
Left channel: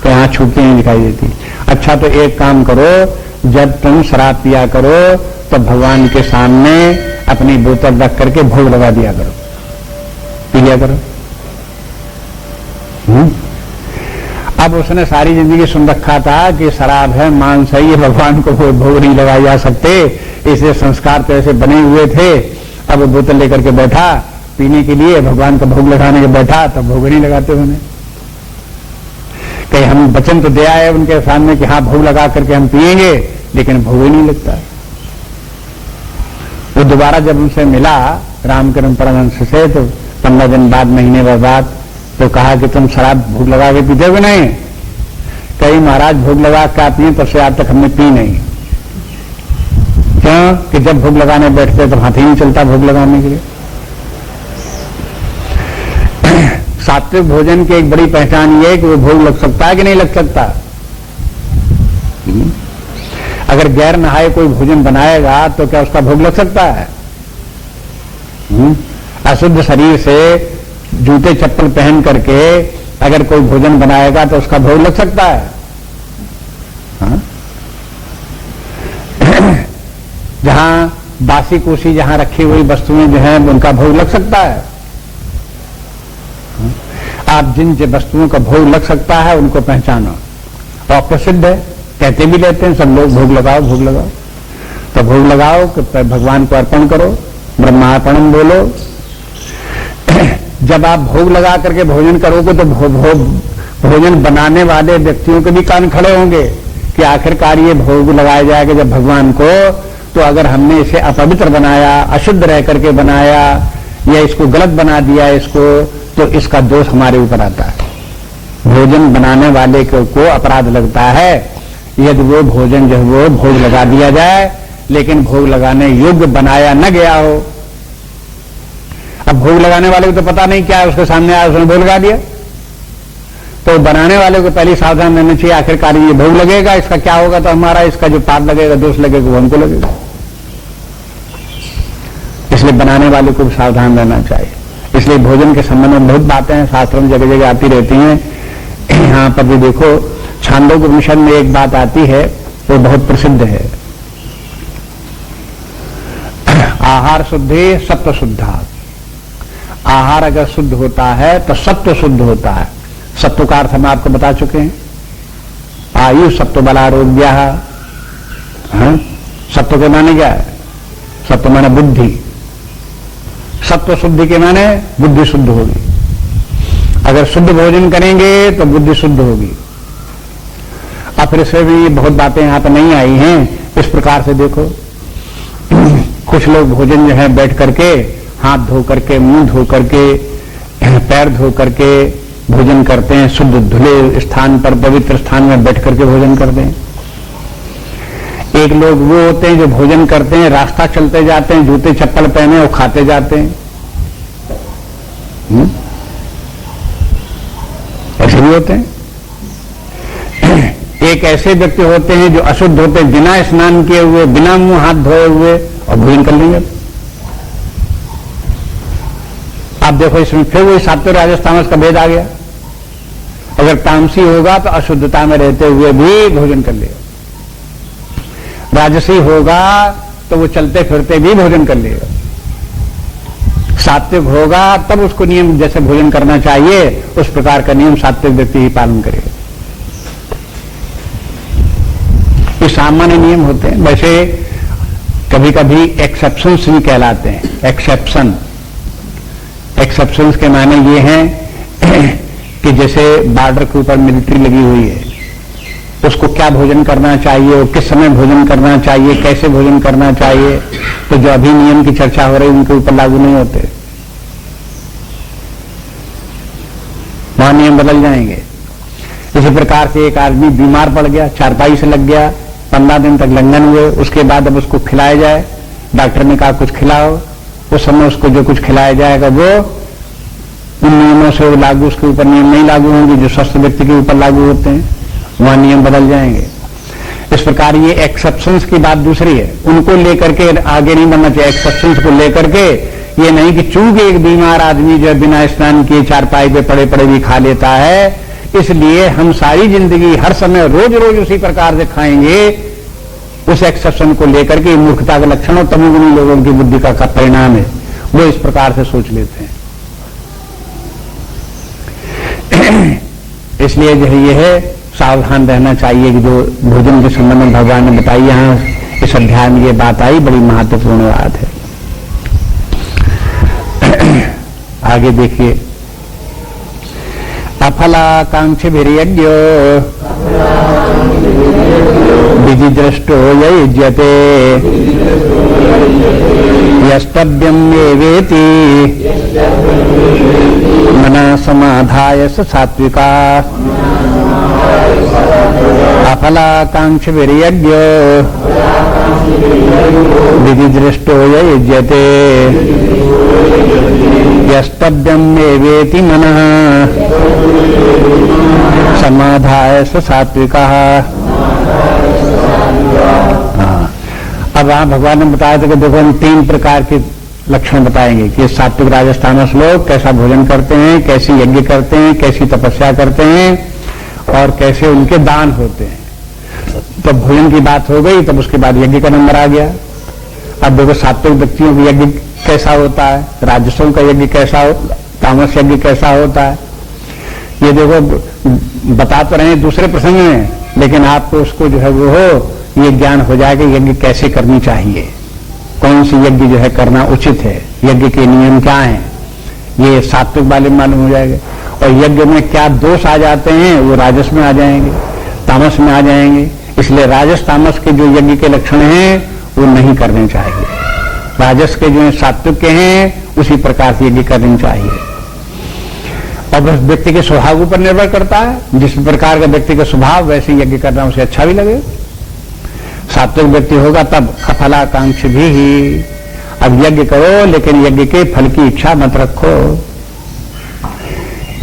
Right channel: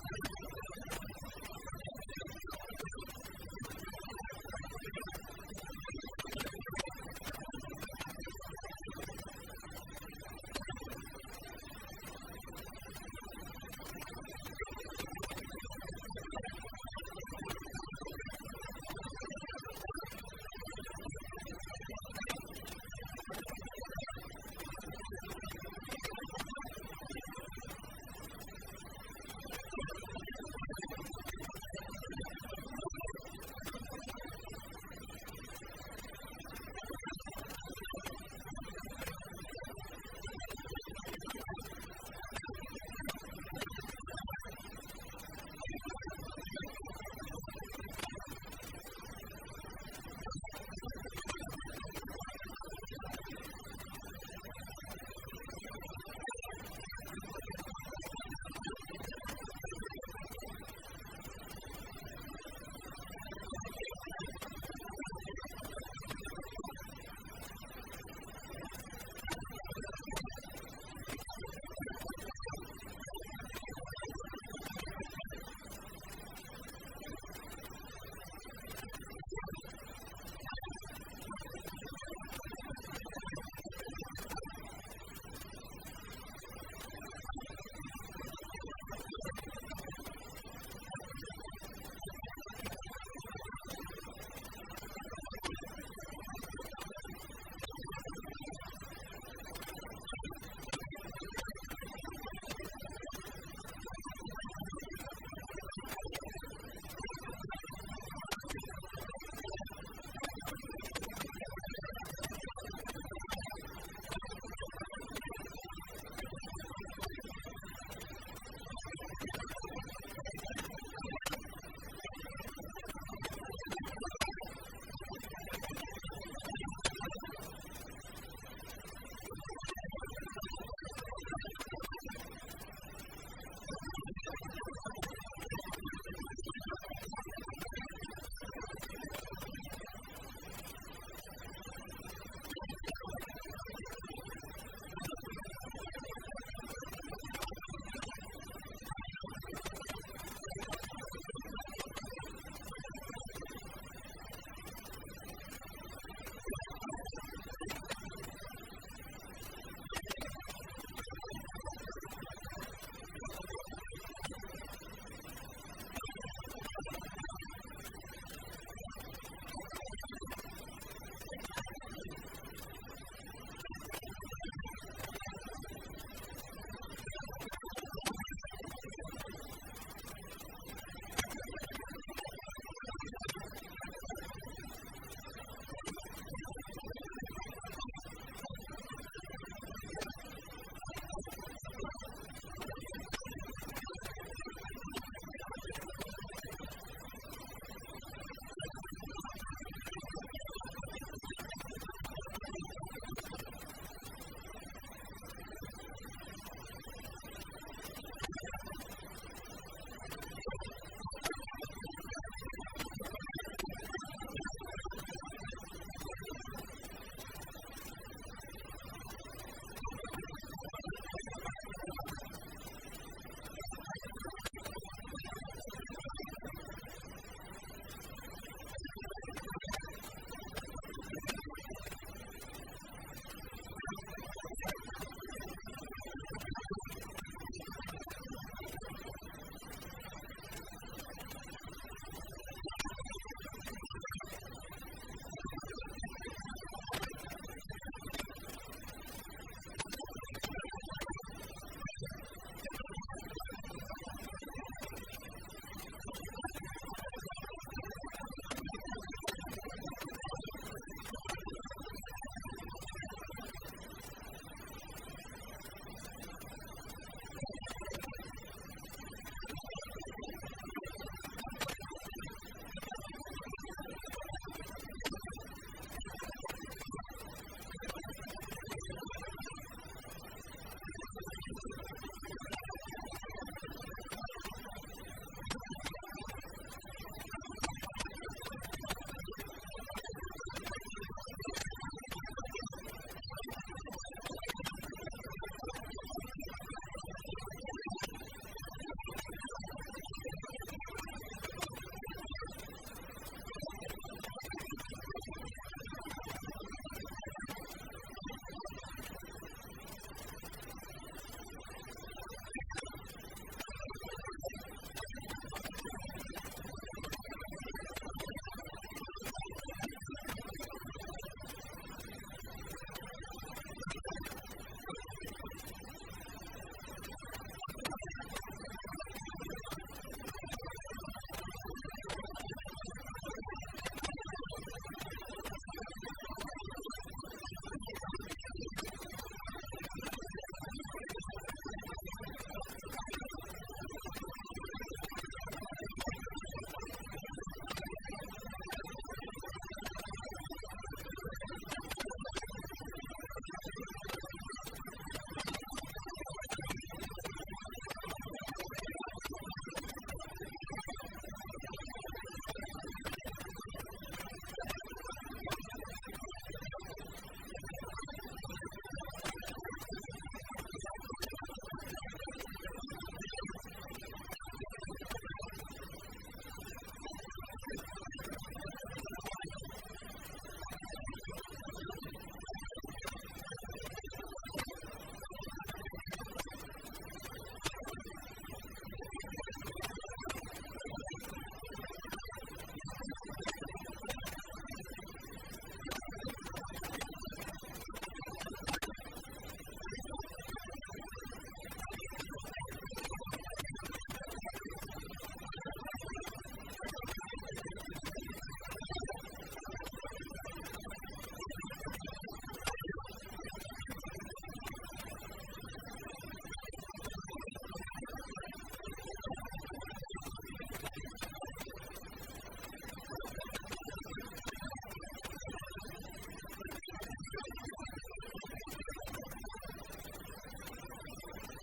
तो यहां छूटती नहीं दिखाई देती। अच्छा तो एक काम करो, जब तुम शराब पिया करो तो भगवान के सामने अपनी बोतल रख करके भोग लगा दिया करो, पी लिया करो। अब उसने सारी जिंदगी सुन रखा था कि शराब है, मांस है, ये भगवान को भोग नहीं लगाए जा सकते, इसलिए संस्कार तो ऐसे बने हुए थे। अब वो बोतल लेकर के बैठा पीने के लिए, भगवान का भोग लगाने के बैठा, तब भोग नहीं लगाते उन्हें। कहीं हम वचन तो दे आए उनके सामने कि हाँ भोग लगा करके हम पिएंगे, लेकिन भोग ही नहीं लगता। वो दोबारा जब उनसे मिला रामकृष्ण परमहंस से, तो 15 दिन बाद, महीने बाद, तो कहा कि तुम शराब भोग लगा के पीते हो नहीं? कहीं महाराज भोग लगा के पिए, तब से आज तक हमने पी नहीं। क्यों? कि जब भोग लगाने बैठते तो हाथ ही नहीं चलता भोग लगाने के लिए। सात्विक भोजन की एक बड़ी पहचान ये है कि वो भोग लग सकता है कि नहीं लग सकता। अगर गैर नहाए कोई भोजन बनाएगा तो क्या उसका भोग लग सकता है? अशुद्ध शरीर से जूते चप्पल पहन करके अगर कोई भोजन बनाएगा तो उसका भोग लग सकता है? जहां बासी कुसी जहां रखी हुई वस्तुएं जो हैं उनका भोग लग सकता है? आप जिन वस्तुओं का भोग लग सकता है उनको पहचानो। और प्रसिद्ध है, कहते भी लेते हैं सब लोग, भोग लगाओ भोग लगाओ। तो भोग लगाओ कि भगवान को अर्पण करो, ब्रह्मार्पणम बोलो। जब आप भोग लगा करके भोजन करोगे तो भोजन बनाने वाले व्यक्तियों के भी कान खड़े होंगे कि आखिरकार ये भोग लगाया जाएगा जब भगवान को, तो अगर हमने इसे अपवित्र बनाया, अशुद्ध रह करके बनाया, या इसको गलत बना दिया इसको, तो इसका दोष हमारे ऊपर आता है। भोजन बनाने वाले को अपराध लगता है यदि वो भोजन जो वो भोग लगा दिया जाए, लेकिन भोग लगाने योग्य बनाया न गया हो। अब भोग लगाने वाले को तो पता नहीं क्या है, उसके सामने आया उसने भोग लगा दिया, तो बनाने वाले को पहले सावधान रहना चाहिए, आखिरकार ये भोग लगेगा, इसका क्या होगा, तो हमारा इसका जो पाप लगेगा, दोष लगेगा, वो हमको लगेगा। इसलिए बनाने वाले को भी सावधान रहना चाहिए। इसलिए भोजन के संबंध में बहुत बातें हैं, शास्त्रों में जगह जगह आती रहती हैं। यहां पर भी देखो, छांदोग्य उपनिषद में एक बात आती है, वो बहुत प्रसिद्ध है। आहार शुद्धि सत्व शुद्धा। आहार अगर शुद्ध होता है तो सत्व शुद्ध होता है। सत्व का अर्थ हम आपको बता चुके हैं, आयु सत्व बलारोग्य। सत्व के माने क्या है? सत्व माने बुद्धि। सत्व शुद्धि के माने बुद्धि शुद्ध होगी। अगर शुद्ध भोजन करेंगे तो बुद्धि शुद्ध होगी। अब फिर से भी बहुत बातें यहां पर नहीं आई हैं। इस प्रकार से देखो, कुछ लोग भोजन जो है बैठ करके, हाथ धो करके, मुंह धो करके, पैर धो करके भोजन करते हैं। शुद्ध धुले स्थान पर, पवित्र स्थान में बैठ करके भोजन करते हैं। एक लोग वो होते हैं जो भोजन करते हैं, रास्ता चलते जाते हैं, जूते चप्पल पहने और खाते जाते हैं। ऐसे भी होते हैं। एक ऐसे व्यक्ति होते हैं जो अशुद्ध होते हैं, बिना स्नान किए हुए, बिना मुंह हाथ धोए हुए और भोजन कर लेंगे। आप देखो इसमें फिर वही सात्विक राजस तामस का भेद आ गया। अगर तामसी होगा तो अशुद्धता में रहते हुए भी भोजन कर लेगा, राजसी होगा तो वो चलते फिरते भी भोजन कर लेगा, सात्विक होगा तब उसको नियम जैसे भोजन करना चाहिए उस प्रकार का नियम सात्विक व्यक्ति ही पालन करेगा। ये सामान्य नियम होते हैं। वैसे कभी कभी एक्सेप्शंस भी कहलाते हैं। एक्सेप्शंस के माने ये हैं कि जैसे बॉर्डर के ऊपर मिलिट्री लगी हुई है, उसको क्या भोजन करना चाहिए, किस समय भोजन करना चाहिए, कैसे भोजन करना चाहिए, तो जो अभी नियम की चर्चा हो रही है उनके ऊपर लागू नहीं होते, वहां नियम बदल जाएंगे। इसी प्रकार से एक आदमी बीमार पड़ गया, चारपाई से लग गया, 15 दिन तक लंघन हुए, उसके बाद अब उसको खिलाया जाए, डॉक्टर ने कहा कुछ खिलाओ, उस समय उसको जो कुछ खिलाया जाएगा वो उन नियमों से लागू, उसके ऊपर नियम नहीं लागू होंगे जो स्वस्थ व्यक्ति के ऊपर लागू होते हैं, वहां नियम बदल जाएंगे। इस प्रकार ये एक्सेप्शंस की बात दूसरी है, उनको लेकर के आगे नहीं बढ़ना चाहिए। एक्सेप्शंस को लेकर के ये नहीं कि चूंकि एक बीमार आदमी जो बिना स्नान किए चारपाई पे पड़े पड़े भी खा लेता है, इसलिए हम सारी जिंदगी हर समय रोज रोज उसी प्रकार से खाएंगे, उस एक्सेप्शन को लेकर के मूर्खता का लक्षण और तमोगुणी लोगों की बुद्धि का परिणाम है, वो इस प्रकार से सोच लेते हैं। इसलिए जो है यह है सावधान रहना चाहिए कि जो भोजन के संबंध में भगवान ने बताई, यहां इस अध्याय में ये बात आई, बड़ी महत्वपूर्ण बात है। आगे देखिए, अफलाकांक्षी भिर्यज्ञो विधि दृष्टो युज्यते यस्तव्यम एवेति मना समाधाय स सात्विका। अफलाकांक्षी भिर्यज्ञो विधि दृष्टो युज्यते यस्तव्यम एवेति मनः समाधाय स सात्विका। अब वहां भगवान ने बताया था कि देखो हम 3 प्रकार के लक्षण बताएंगे कि सात्विक राजस तामस लोग कैसा भोजन करते हैं, कैसी यज्ञ करते हैं, कैसी तपस्या करते हैं और कैसे उनके दान होते हैं। तो भोजन की बात हो गई, तब उसके बाद यज्ञ का नंबर आ गया। अब देखो सात्विक व्यक्तियों का यज्ञ कैसा होता है, राजसों का यज्ञ कैसा हो, तामस यज्ञ कैसा होता है, ये देखो बता तो रहे हैं दूसरे प्रसंग में, लेकिन आपको उसको जो है वो हो ये ज्ञान हो जाएगा यज्ञ कैसे करनी चाहिए, कौन सी यज्ञ जो है करना उचित है, यज्ञ के नियम क्या हैं, ये सात्विक वाले मालूम हो जाएगा। और यज्ञ में क्या दोष आ जाते हैं वो राजस में आ जाएंगे, तामस में आ जाएंगे। इसलिए राजस तामस के जो यज्ञ के लक्षण हैं वो नहीं करने चाहिए, राजस के जो सात्विक के हैं उसी प्रकार से यज्ञ करनी चाहिए। और बस व्यक्ति के स्वभाव ऊपर निर्भर करता है, जिस प्रकार का व्यक्ति का स्वभाव वैसे यज्ञ करना उसे अच्छा भी लगे। सात्विक व्यक्ति होगा तब अफलाकांक्षी भी ही। अब यज्ञ करो लेकिन यज्ञ के फल की इच्छा मत रखो।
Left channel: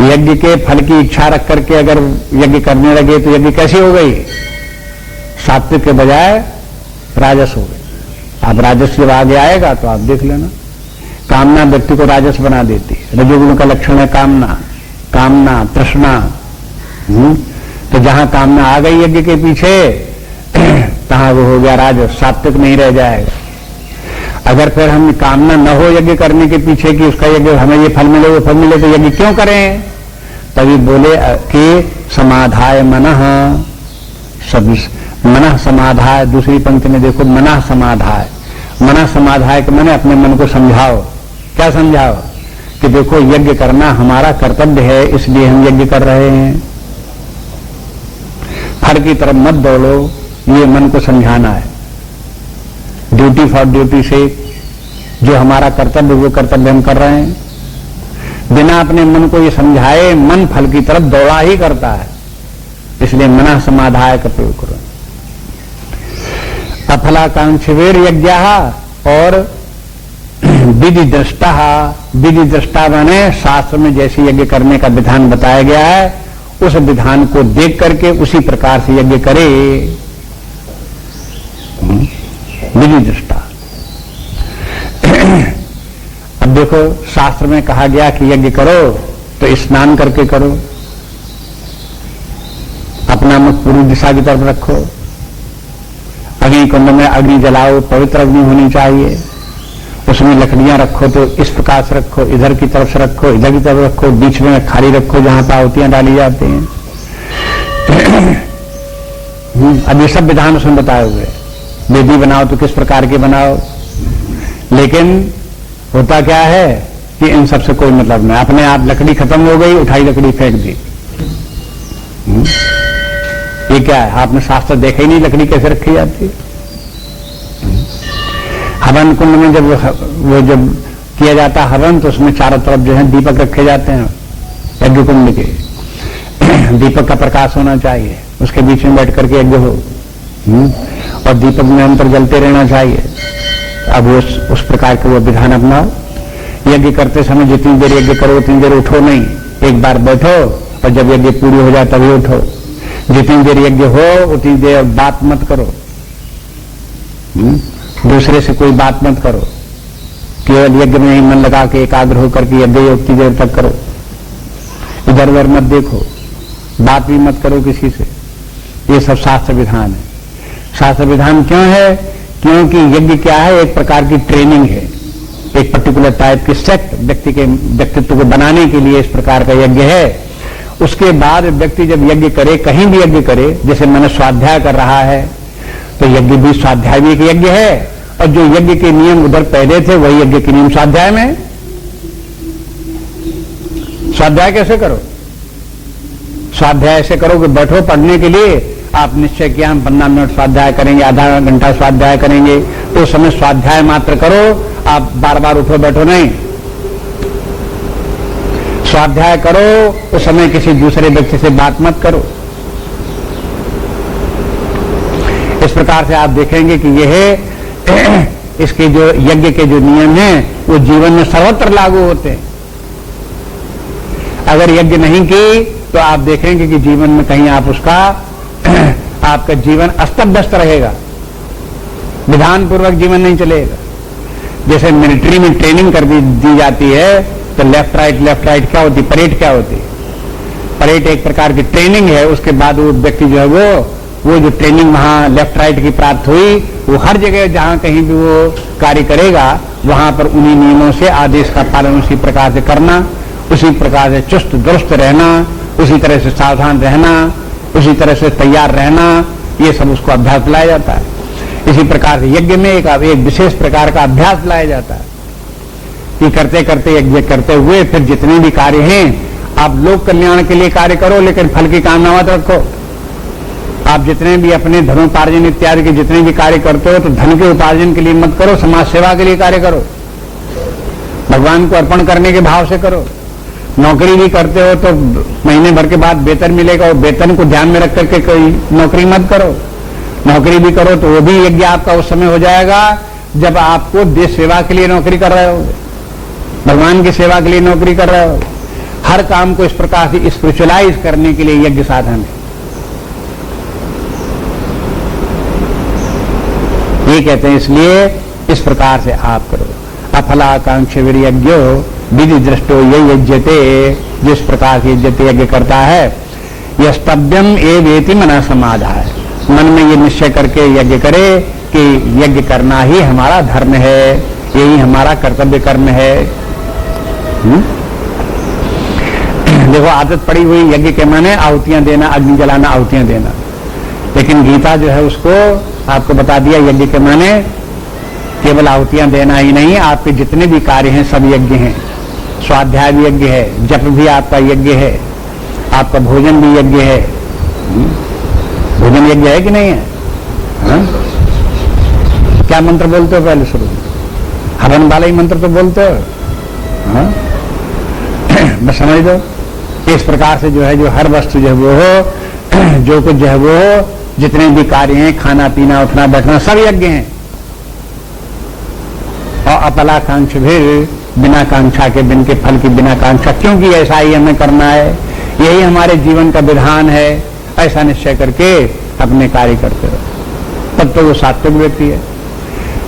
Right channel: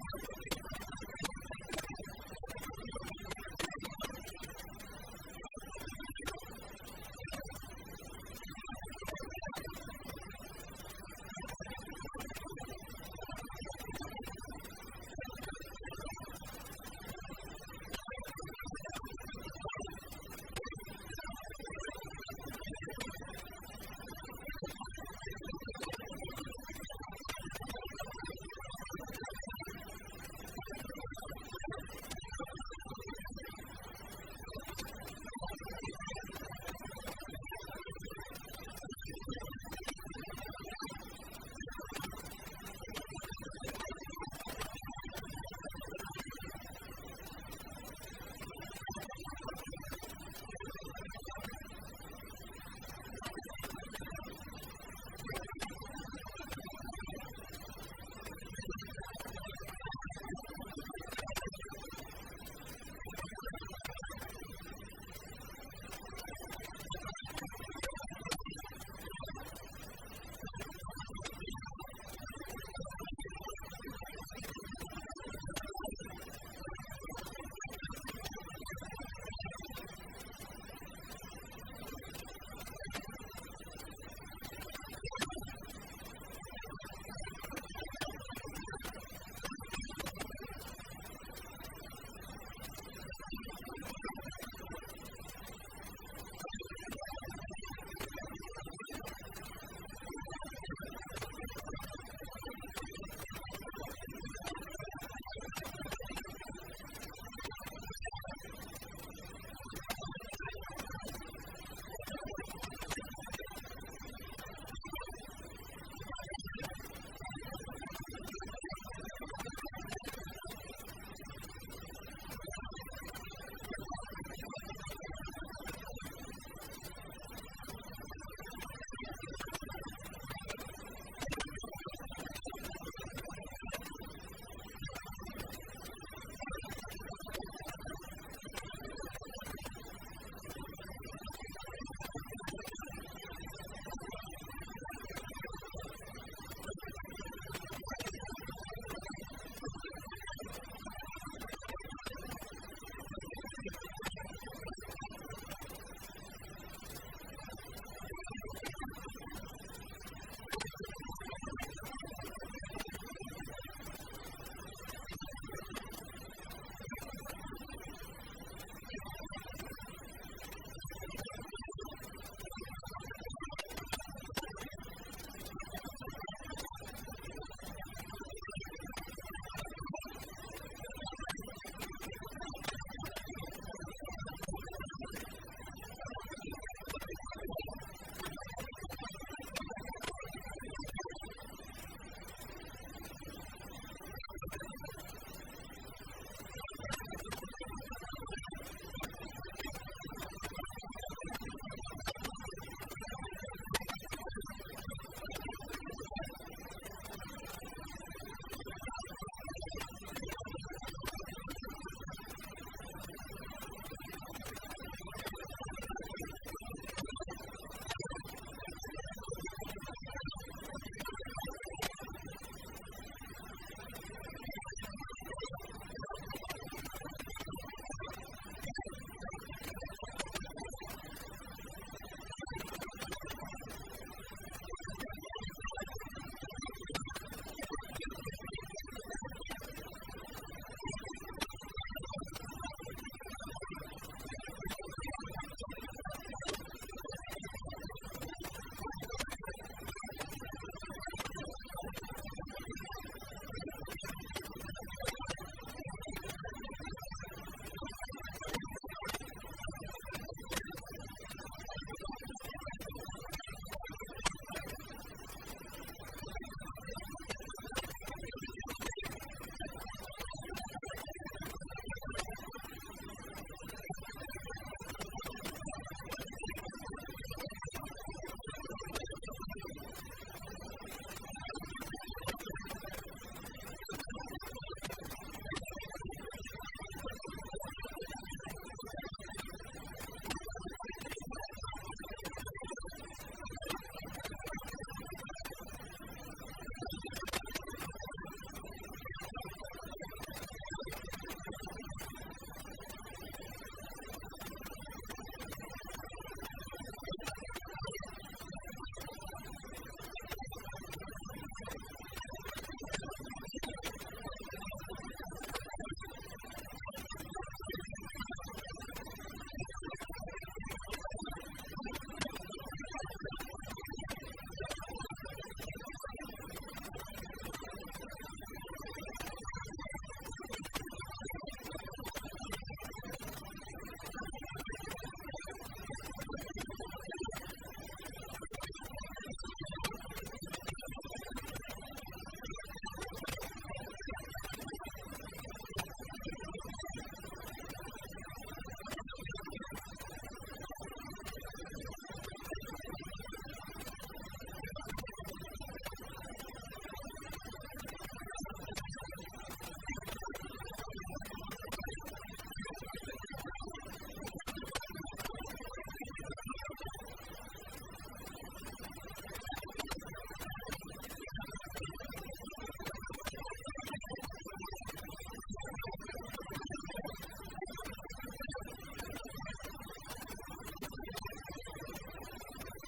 यज्ञ के फल की इच्छा रख करके अगर यज्ञ करने लगे तो यज्ञ कैसी हो गई, सात्विक के बजाय राजस हो गई। अब राजस जब आगे आएगा तो आप देख लेना, कामना व्यक्ति को राजस बना देती है। रजोगुण का लक्षण है कामना, कामना तृष्णा। तो जहां कामना आ गई यज्ञ के पीछे तहां वो हो गया राजस, सात्विक नहीं रह जाएगा। अगर फिर हम कामना न हो यज्ञ करने के पीछे कि उसका यज्ञ हमें ये फल मिले वो फल मिले तो यज्ञ क्यों करें, तभी बोले कि समाधाय मनः, सब मनः समाधाय। दूसरी पंक्ति में देखो मनः समाधाय, मनः समाधाय के मैंने अपने मन को समझाओ। क्या समझाओ कि देखो यज्ञ करना हमारा कर्तव्य है, इसलिए हम यज्ञ कर रहे हैं, फल की तरफ मत दौड़ो, ये मन को समझाना है। ड्यूटी फॉर ड्यूटी से जो हमारा कर्तव्य वो कर्तव्य हम कर रहे हैं, बिना अपने मन को ये समझाए मन फल की तरफ दौड़ा ही करता है, इसलिए मनः समाधाय का प्रयोग करो। अफलाकांक्षीवीर यज्ञ और विधि दृष्टा। विधि दृष्टा माने शास्त्र में जैसे यज्ञ करने का विधान बताया गया है उस विधान को देख करके उसी प्रकार से यज्ञ करे। विधि दृष्टा अब देखो, शास्त्र में कहा गया कि यज्ञ करो तो स्नान करके करो, अपना मुख पूर्व दिशा की तरफ रखो, अग्नि कुंड में अग्नि जलाओ, पवित्र अग्नि होनी चाहिए, उसमें लकड़ियां रखो तो इस प्रकार से रखो, इधर की तरफ से रखो, इधर की तरफ रखो, बीच में खाली रखो जहां पर आहुतियां डाली जाती हैं। अब ये सब विधान उसमें बताए हुए। वेदी बनाओ तो किस प्रकार के बनाओ, लेकिन होता क्या है कि इन सबसे कोई मतलब नहीं। अपने आप लकड़ी खत्म हो गई, उठाई लकड़ी फेंक दी। ये क्या है? आपने शास्त्र देखा ही नहीं लकड़ी कैसे रखी जाती। हवन कुंड में जब किया जाता हवन, तो उसमें चारों तरफ जो है दीपक रखे जाते हैं यज्ञ कुंड के। दीपक का प्रकाश होना चाहिए, उसके बीच में बैठ करके यज्ञ हो, और दीपक में अंतर जलते रहना चाहिए। अब उस प्रकार के वो विधान अपनाओ। यज्ञ करते समय जितनी देर यज्ञ करो उतनी देर उठो नहीं, एक बार बैठो और जब यज्ञ पूरी हो जाए तभी उठो। जितनी देर यज्ञ हो उतनी देर बात मत करो, दूसरे से कोई बात मत करो, केवल यज्ञ में ही मन लगा के एकाग्र होकर के यज्ञ उतनी देर तक करो। इधर उधर मत देखो, बात भी मत करो किसी से। ये सब शास्त्र विधान है। शास्त्र विधान क्यों है? क्योंकि यज्ञ क्या है? एक प्रकार की ट्रेनिंग है, एक पर्टिकुलर टाइप की सेट व्यक्तित्व को बनाने के लिए इस प्रकार का यज्ञ है। उसके बाद व्यक्ति जब यज्ञ करे, कहीं भी यज्ञ करे, जैसे मैंने स्वाध्याय कर रहा है तो यज्ञ भी, स्वाध्याय भी एक यज्ञ है, और जो यज्ञ के नियम उधर पहले थे वही यज्ञ के नियम स्वाध्याय में। स्वाध्याय कैसे करो? स्वाध्याय ऐसे करो कि बैठो पढ़ने के लिए, आप निश्चय किया हम 15 मिनट स्वाध्याय करेंगे, आधा घंटा स्वाध्याय करेंगे, तो उस समय स्वाध्याय मात्र करो, आप बार बार उठो बैठो नहीं। स्वाध्याय करो उस समय किसी दूसरे व्यक्ति से बात मत करो। इस प्रकार से आप देखेंगे कि यह इसके जो यज्ञ के जो नियम हैं वो जीवन में सर्वत्र लागू होते हैं। अगर यज्ञ नहीं की तो आप देखेंगे कि जीवन में कहीं आप उसका आपका जीवन अस्त व्यस्त रहेगा, विधान पूर्वक जीवन नहीं चलेगा। जैसे मिलिट्री में ट्रेनिंग कर दी जाती है तो लेफ्ट राइट क्या होती, परेड क्या होती है? परेड एक प्रकार की ट्रेनिंग है। उसके बाद वो व्यक्ति जो है वो जो ट्रेनिंग वहां लेफ्ट राइट की प्राप्त हुई, वो हर जगह जहां कहीं भी वो कार्य करेगा वहां पर उन्हीं नियमों से आदेश का पालन उसी प्रकार से करना, उसी प्रकार से चुस्त दुरुस्त रहना, उसी तरह से सावधान रहना, उसी तरह से तैयार रहना, ये सब उसको अभ्यास लाया जाता है। इसी प्रकार से यज्ञ में एक विशेष प्रकार का अभ्यास लाया जाता है कि करते करते यज्ञ करते हुए फिर जितने भी कार्य हैं आप लोक कल्याण के लिए कार्य करो, लेकिन फल की कामना मत रखो। आप जितने भी अपने धनोपार्जन इत्यादि के जितने भी कार्य करते हो तो धन के उपार्जन के लिए मत करो, समाज सेवा के लिए कार्य करो, भगवान को अर्पण करने के भाव से करो। नौकरी भी करते हो तो महीने भर के बाद वेतन मिलेगा, और वेतन को ध्यान में रख करके कोई नौकरी मत करो। नौकरी भी करो तो वो भी यज्ञ आपका उस समय हो जाएगा जब आपको देश सेवा के लिए नौकरी कर रहे हो, भगवान की सेवा के लिए नौकरी कर रहे हो। हर काम को इस प्रकार से स्पिरिचुअलाइज करने के लिए यज्ञ साधन है। ये कहते हैं, इसलिए इस प्रकार से आप करो। अफलाकांक्ष वीर्यज्ञो विधि दृष्टो ये यज्ञते, जिस प्रकार से यज्ञते यज्ञ करता है, यस्तव्यम एवेति मना समाधाय, मन में ये निश्चय करके यज्ञ करे कि यज्ञ करना ही हमारा धर्म है, यही हमारा कर्तव्य कर्म है। देखो आदत पड़ी हुई यज्ञ के माने आहुतियां देना, अग्नि जलाना, आहुतियां देना, लेकिन गीता जो है उसको आपको बता दिया यज्ञ के माने केवल आहुतियां देना ही नहीं, आपके जितने भी कार्य हैं सब यज्ञ हैं। स्वाध्याय भी यज्ञ है, जप भी आपका यज्ञ है, आपका भोजन भी यज्ञ है। भोजन यज्ञ है कि नहीं है? हा? क्या मंत्र बोलते हो पहले शुरू? हवन वाला ही मंत्र तो बोलते हो, बस समझ दो। इस प्रकार से जो है जो हर वस्तु जो है वो हो, जो कुछ जो है वो हो, जितने भी कार्य हैं, खाना पीना उठना बैठना सब यज्ञ हैं। और अपलाकांक्ष भी बिना कांक्षा के, बिन के फल की बिना कांक्षा, क्योंकि ऐसा ही हमें करना है, यही हमारे जीवन का विधान है, ऐसा निश्चय करके अपने कार्य करते रहो, तब तो वो सात्विक व्यक्ति है।